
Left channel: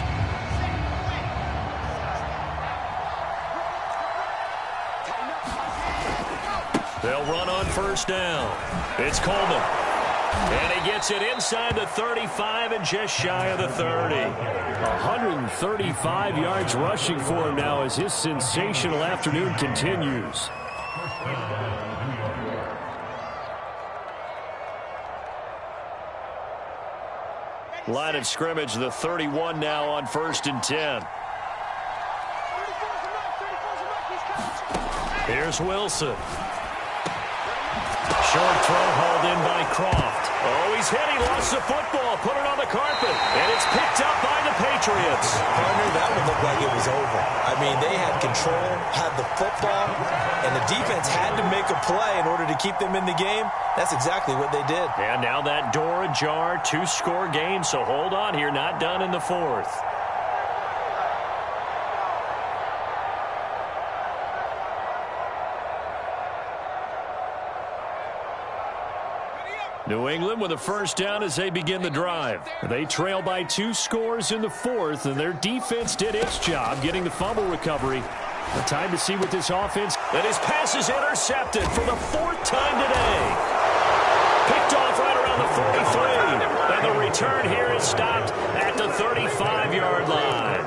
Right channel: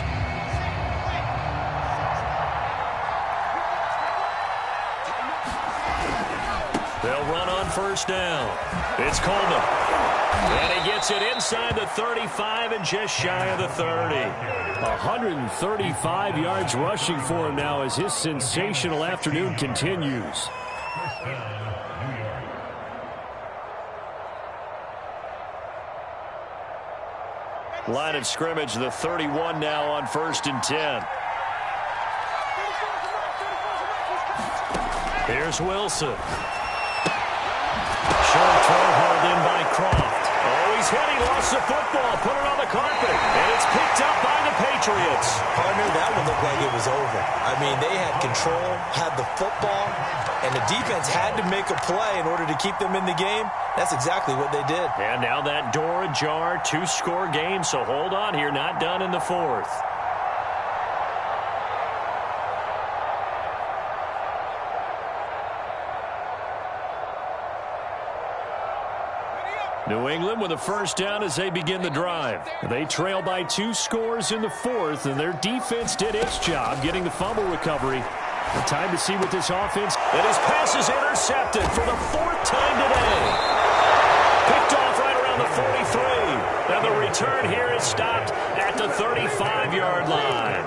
They'll run on first down. It's Coleman. And he gets it inside the 35 and just shy of the 30. 135 yards rushing for him now as his sensational afternoon continues. Line of scrimmage, the 31 now on 1st and 10. Here's Wilson. Short throw hauled in by Croft. Oh, he's hit. He lost the football. Put it on the carpet. And it's picked up by the Patriots. Partner, that one looked like it was over. I mean, they had control, had the football, and the defense had to make a play in order to keep them in the game. That's exactly what they did. And now that door ajar, 2-score game. So hold on here. Not done in the fourth. New England with a first down as they begin the drive. They trail by 2 scores in the fourth, and their defense did its job getting the fumble recovery. The time to see what this offense. And his pass is intercepted for the 4th time today. Picked off right around the 43. And the return here is stopped at the 35-yard line.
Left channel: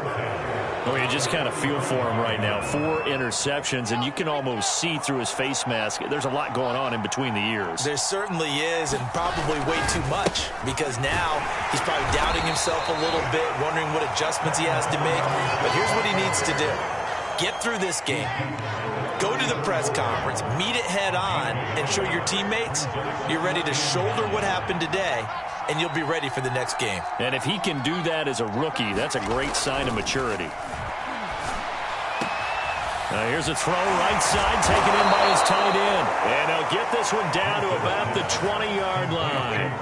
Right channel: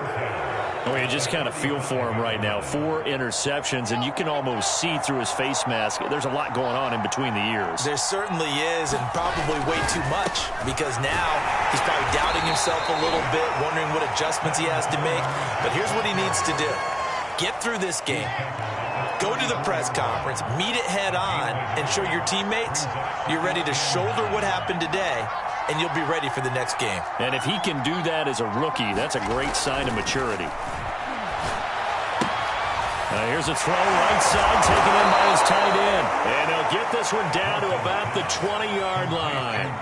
Oh, you just kind of feel for him right now. 4 interceptions, and you can almost see through his face mask. There's a lot going on in between the ears. There certainly is, and probably way too much, because now he's probably doubting himself a little bit, wondering what adjustments he has to make. But here's what he needs to do. Get through this game. Go to the press conference, meet it head on, and show your teammates you're ready to shoulder what happened today, and you'll be ready for the next game. And if he can do that as a rookie, that's a great sign of maturity. Here's a throw right side taken in by his tight end. And they'll get this one down to about the 20-yard line.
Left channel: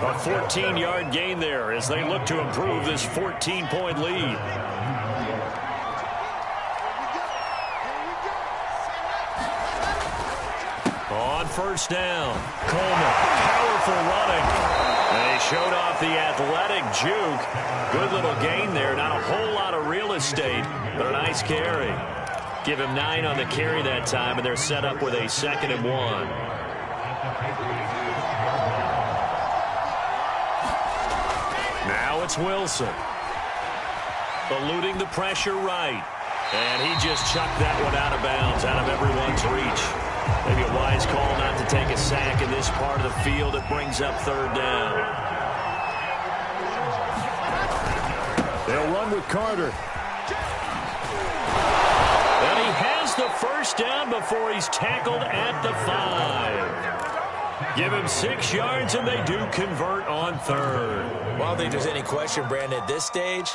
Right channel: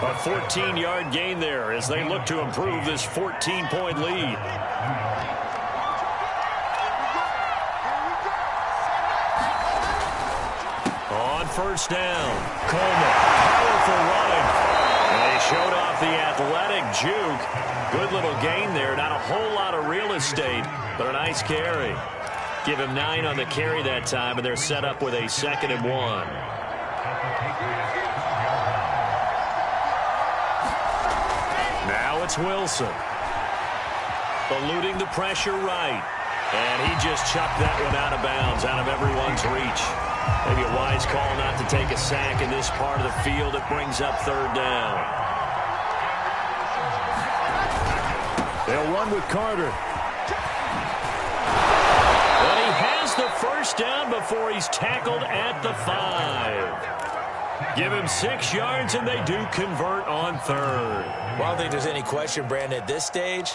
A 14-yard gain there as they look to improve this 14-point lead. On first down, Coleman, powerful running. And he showed off the athletic juke. Good little gain there. Not a whole lot of real estate, but a nice carry. Give him 9 on the carry that time, and they're set up with a 2nd and 1. Now it's Wilson. Eluding the pressure right. And he just chucked that one out of bounds, out of everyone's reach. Maybe a wise call not to take a sack in this part of the field. It brings up 3rd down. They'll run with Carter. And he has the first down before he's tackled at the 5. Give him 6 yards, and they do convert on 3rd. Well, I don't think there's any question, Brandon, at this stage.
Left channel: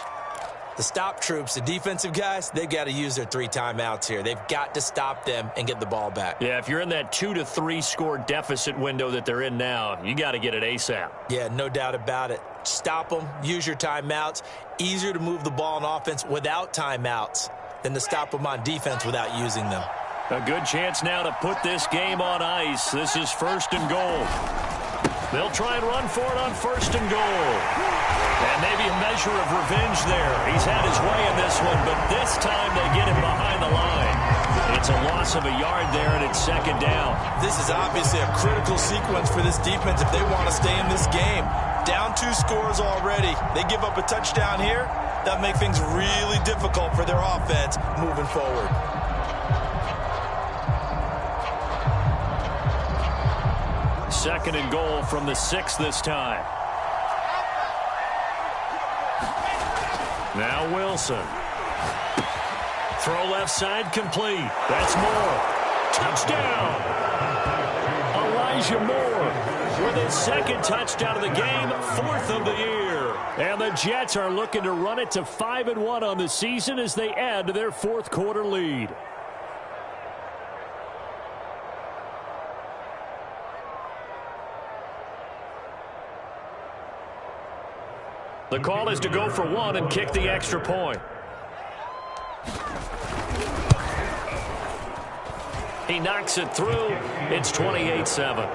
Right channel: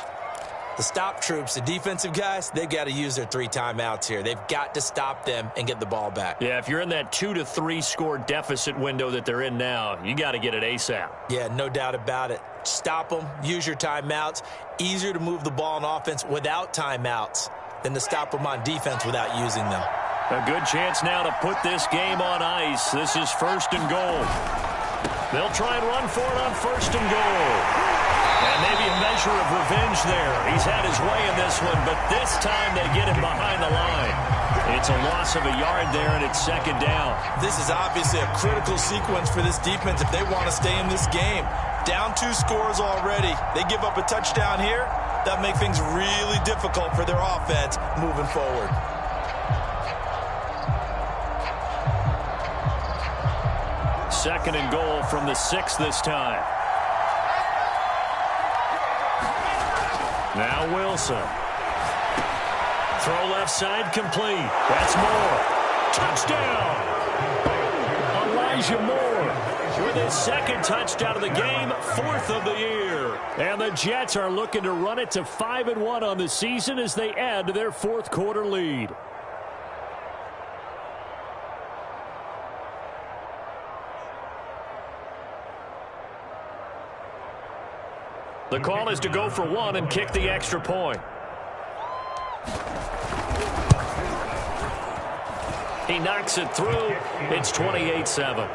The stop troops, the defensive guys, they've got to use their 3 timeouts here. They've got to stop them and get the ball back. Yeah, if you're in that 2 to 3 score deficit window that they're in now, you got to get it ASAP. Yeah, no doubt about it. Stop them, use your timeouts. Easier to move the ball on offense without timeouts than to stop them on defense without using them. A good chance now to put this game on ice. This is 1st and goal. They'll try and run for it on 1st and goal. And maybe a measure of revenge there. He's had his way in this one, but this time they get him behind the line. It's a loss of a yard there, and it's 2nd down. This is obviously a critical sequence for this defense if they want to stay in this game. Down 2 scores already. They give up a touchdown here. That'll make things really difficult for their offense moving forward. Second and goal from the 6 this time. Now Wilson. Throw left side complete. That's Moore. Touchdown! Elijah Moore with his 2nd touchdown of the game, 4th of the year. And the Jets are looking to run it to 5-1 on the season as they add to their 4th quarter lead. The call is to go for 1 and kick the extra point. He knocks it through. It's 28-7.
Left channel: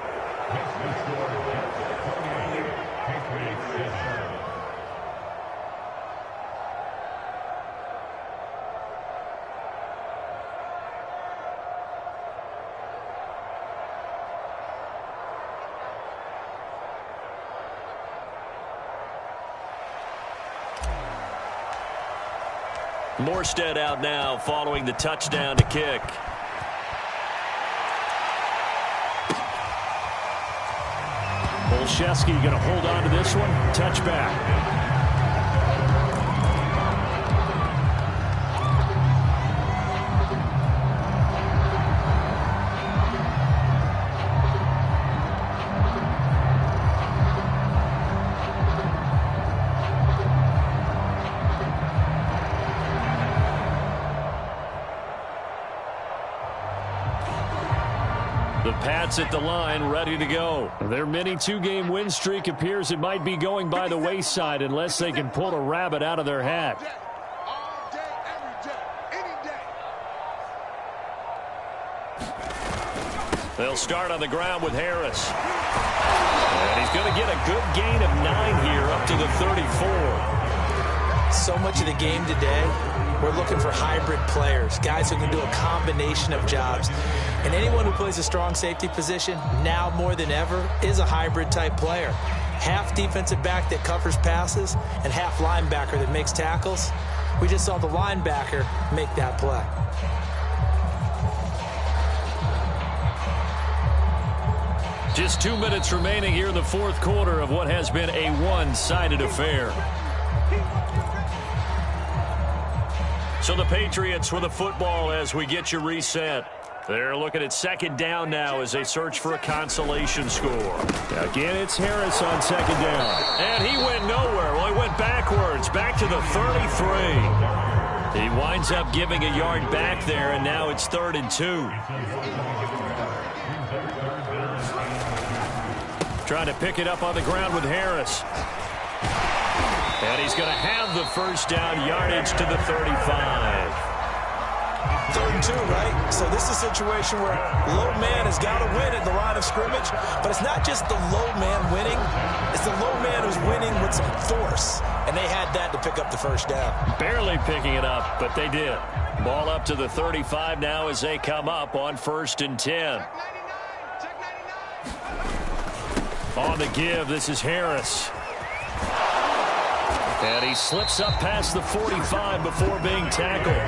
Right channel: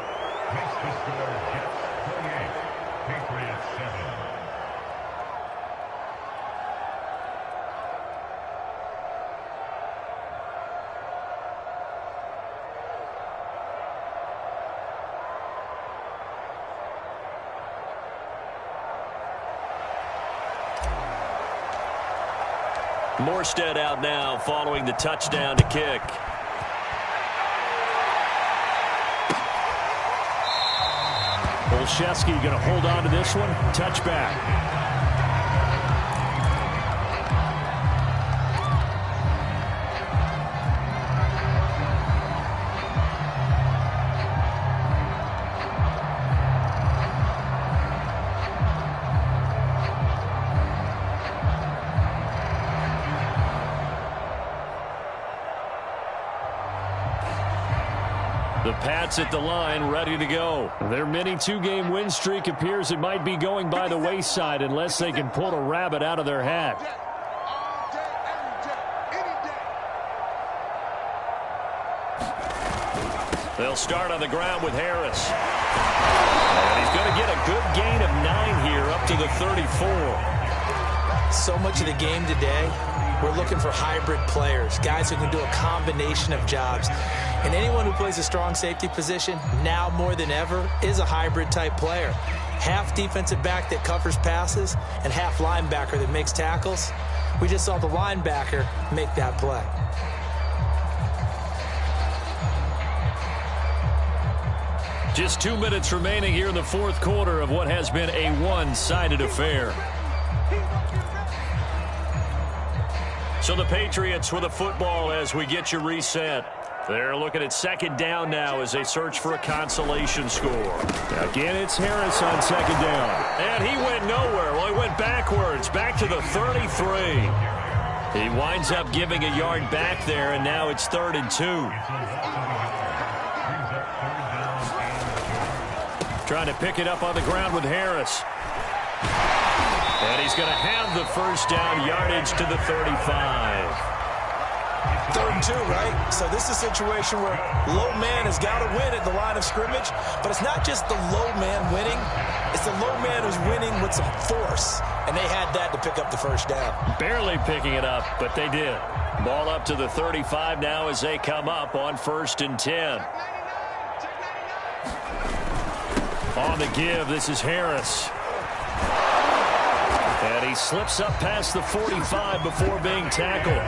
Morstead out now following the touchdown to kick. Olszewski going to hold on to this one. Touchback. The Pats at the line, ready to go. Their mini two-game win streak appears it might be going by the wayside unless they can pull a rabbit out of their hat. All day, every day, any day. They'll start on the ground with Harris. And he's going to get a good gain of 9 here up to the 34. So much of the game today, we're looking for hybrid players, guys who can do a combination of jobs. And anyone who plays a strong safety position, now more than ever, is a hybrid-type player. Half defensive back that covers passes and half linebacker that makes tackles. We just saw the linebacker make that play. Just 2 minutes remaining here in the fourth quarter of what has been a one-sided affair. So the Patriots with the football as we get you reset. They're looking at second down now as they search for a consolation score. Again, it's Harris on second down. And he went nowhere. Well, he went backwards, back to the 33. He winds up giving a yard back there, and now it's 3rd and 2. Trying to pick it up on the ground with Harris. And he's going to have the first down, yardage to the 35. 3rd and 2, right? So this is a situation where low man has got to win at the line of scrimmage, but it's not just the low man winning. It's the low man who's winning with some force, and they had that to pick up the first down. Barely picking it up, but they did. Ball up to the 35 now as they come up on 1st and 10. On the give, this is Harris. And he slips up past the 45 before being tackled.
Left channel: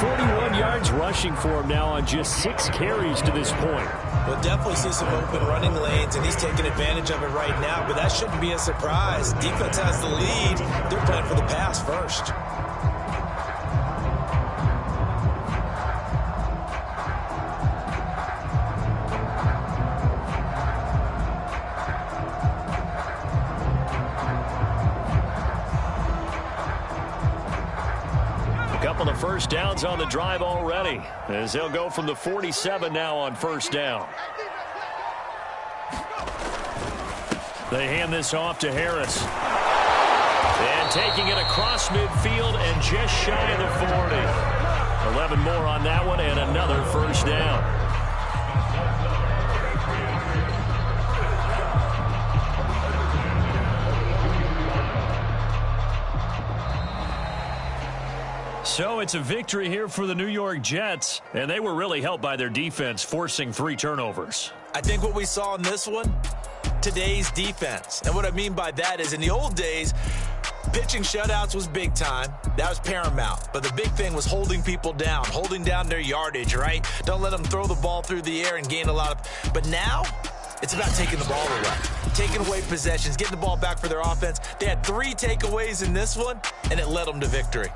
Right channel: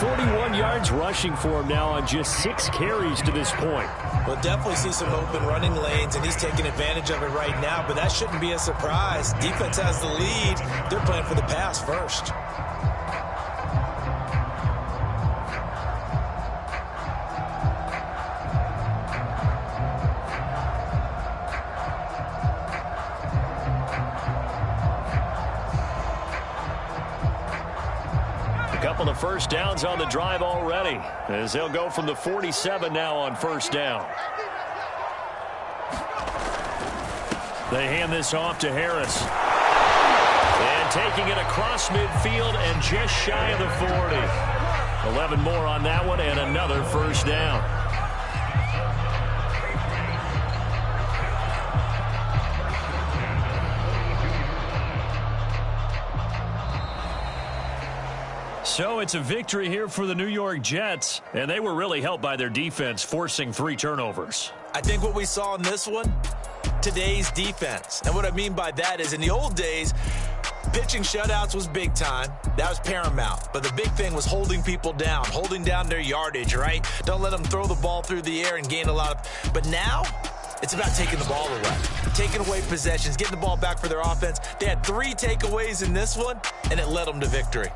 41 yards rushing for him now on just 6 carries to this point. We'll definitely see some open running lanes, and he's taking advantage of it right now, but that shouldn't be a surprise. Defense has the lead. They're playing for the pass first. Couple of first downs on the drive already as they'll go from the 47 now on first down. They hand this off to Harris. And taking it across midfield and just shy of the 40. 11 more on that one and another first down. So it's a victory here for the New York Jets, and they were really helped by their defense forcing 3 turnovers. I think what we saw in this one, today's defense. And what I mean by that is in the old days, pitching shutouts was big time. That was paramount. But the big thing was holding people down, holding down their yardage, right? Don't let them throw the ball through the air and gain a lot of... But now, it's about taking the ball away, taking away possessions, getting the ball back for their offense. They had 3 takeaways in this one, and it led them to victory.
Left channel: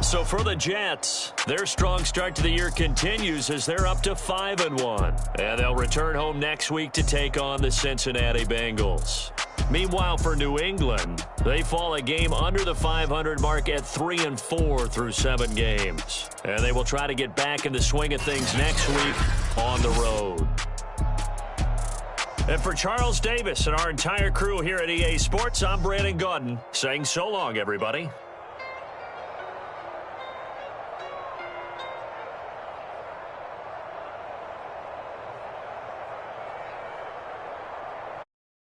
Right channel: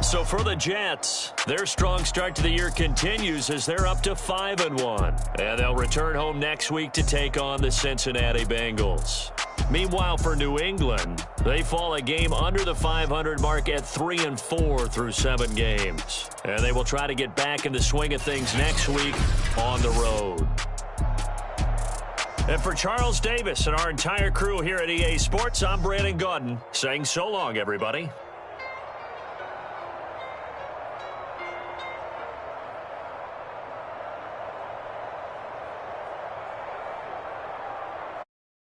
So for the Jets, their strong start to the year continues as they're up to 5-1. And they'll return home next week to take on the Cincinnati Bengals. Meanwhile, for New England, they fall a game under the 500 mark at 3-4 through 7 games. And they will try to get back in the swing of things next week on the road. And for Charles Davis and our entire crew here at EA Sports, I'm Brandon Gaudin saying so long, everybody.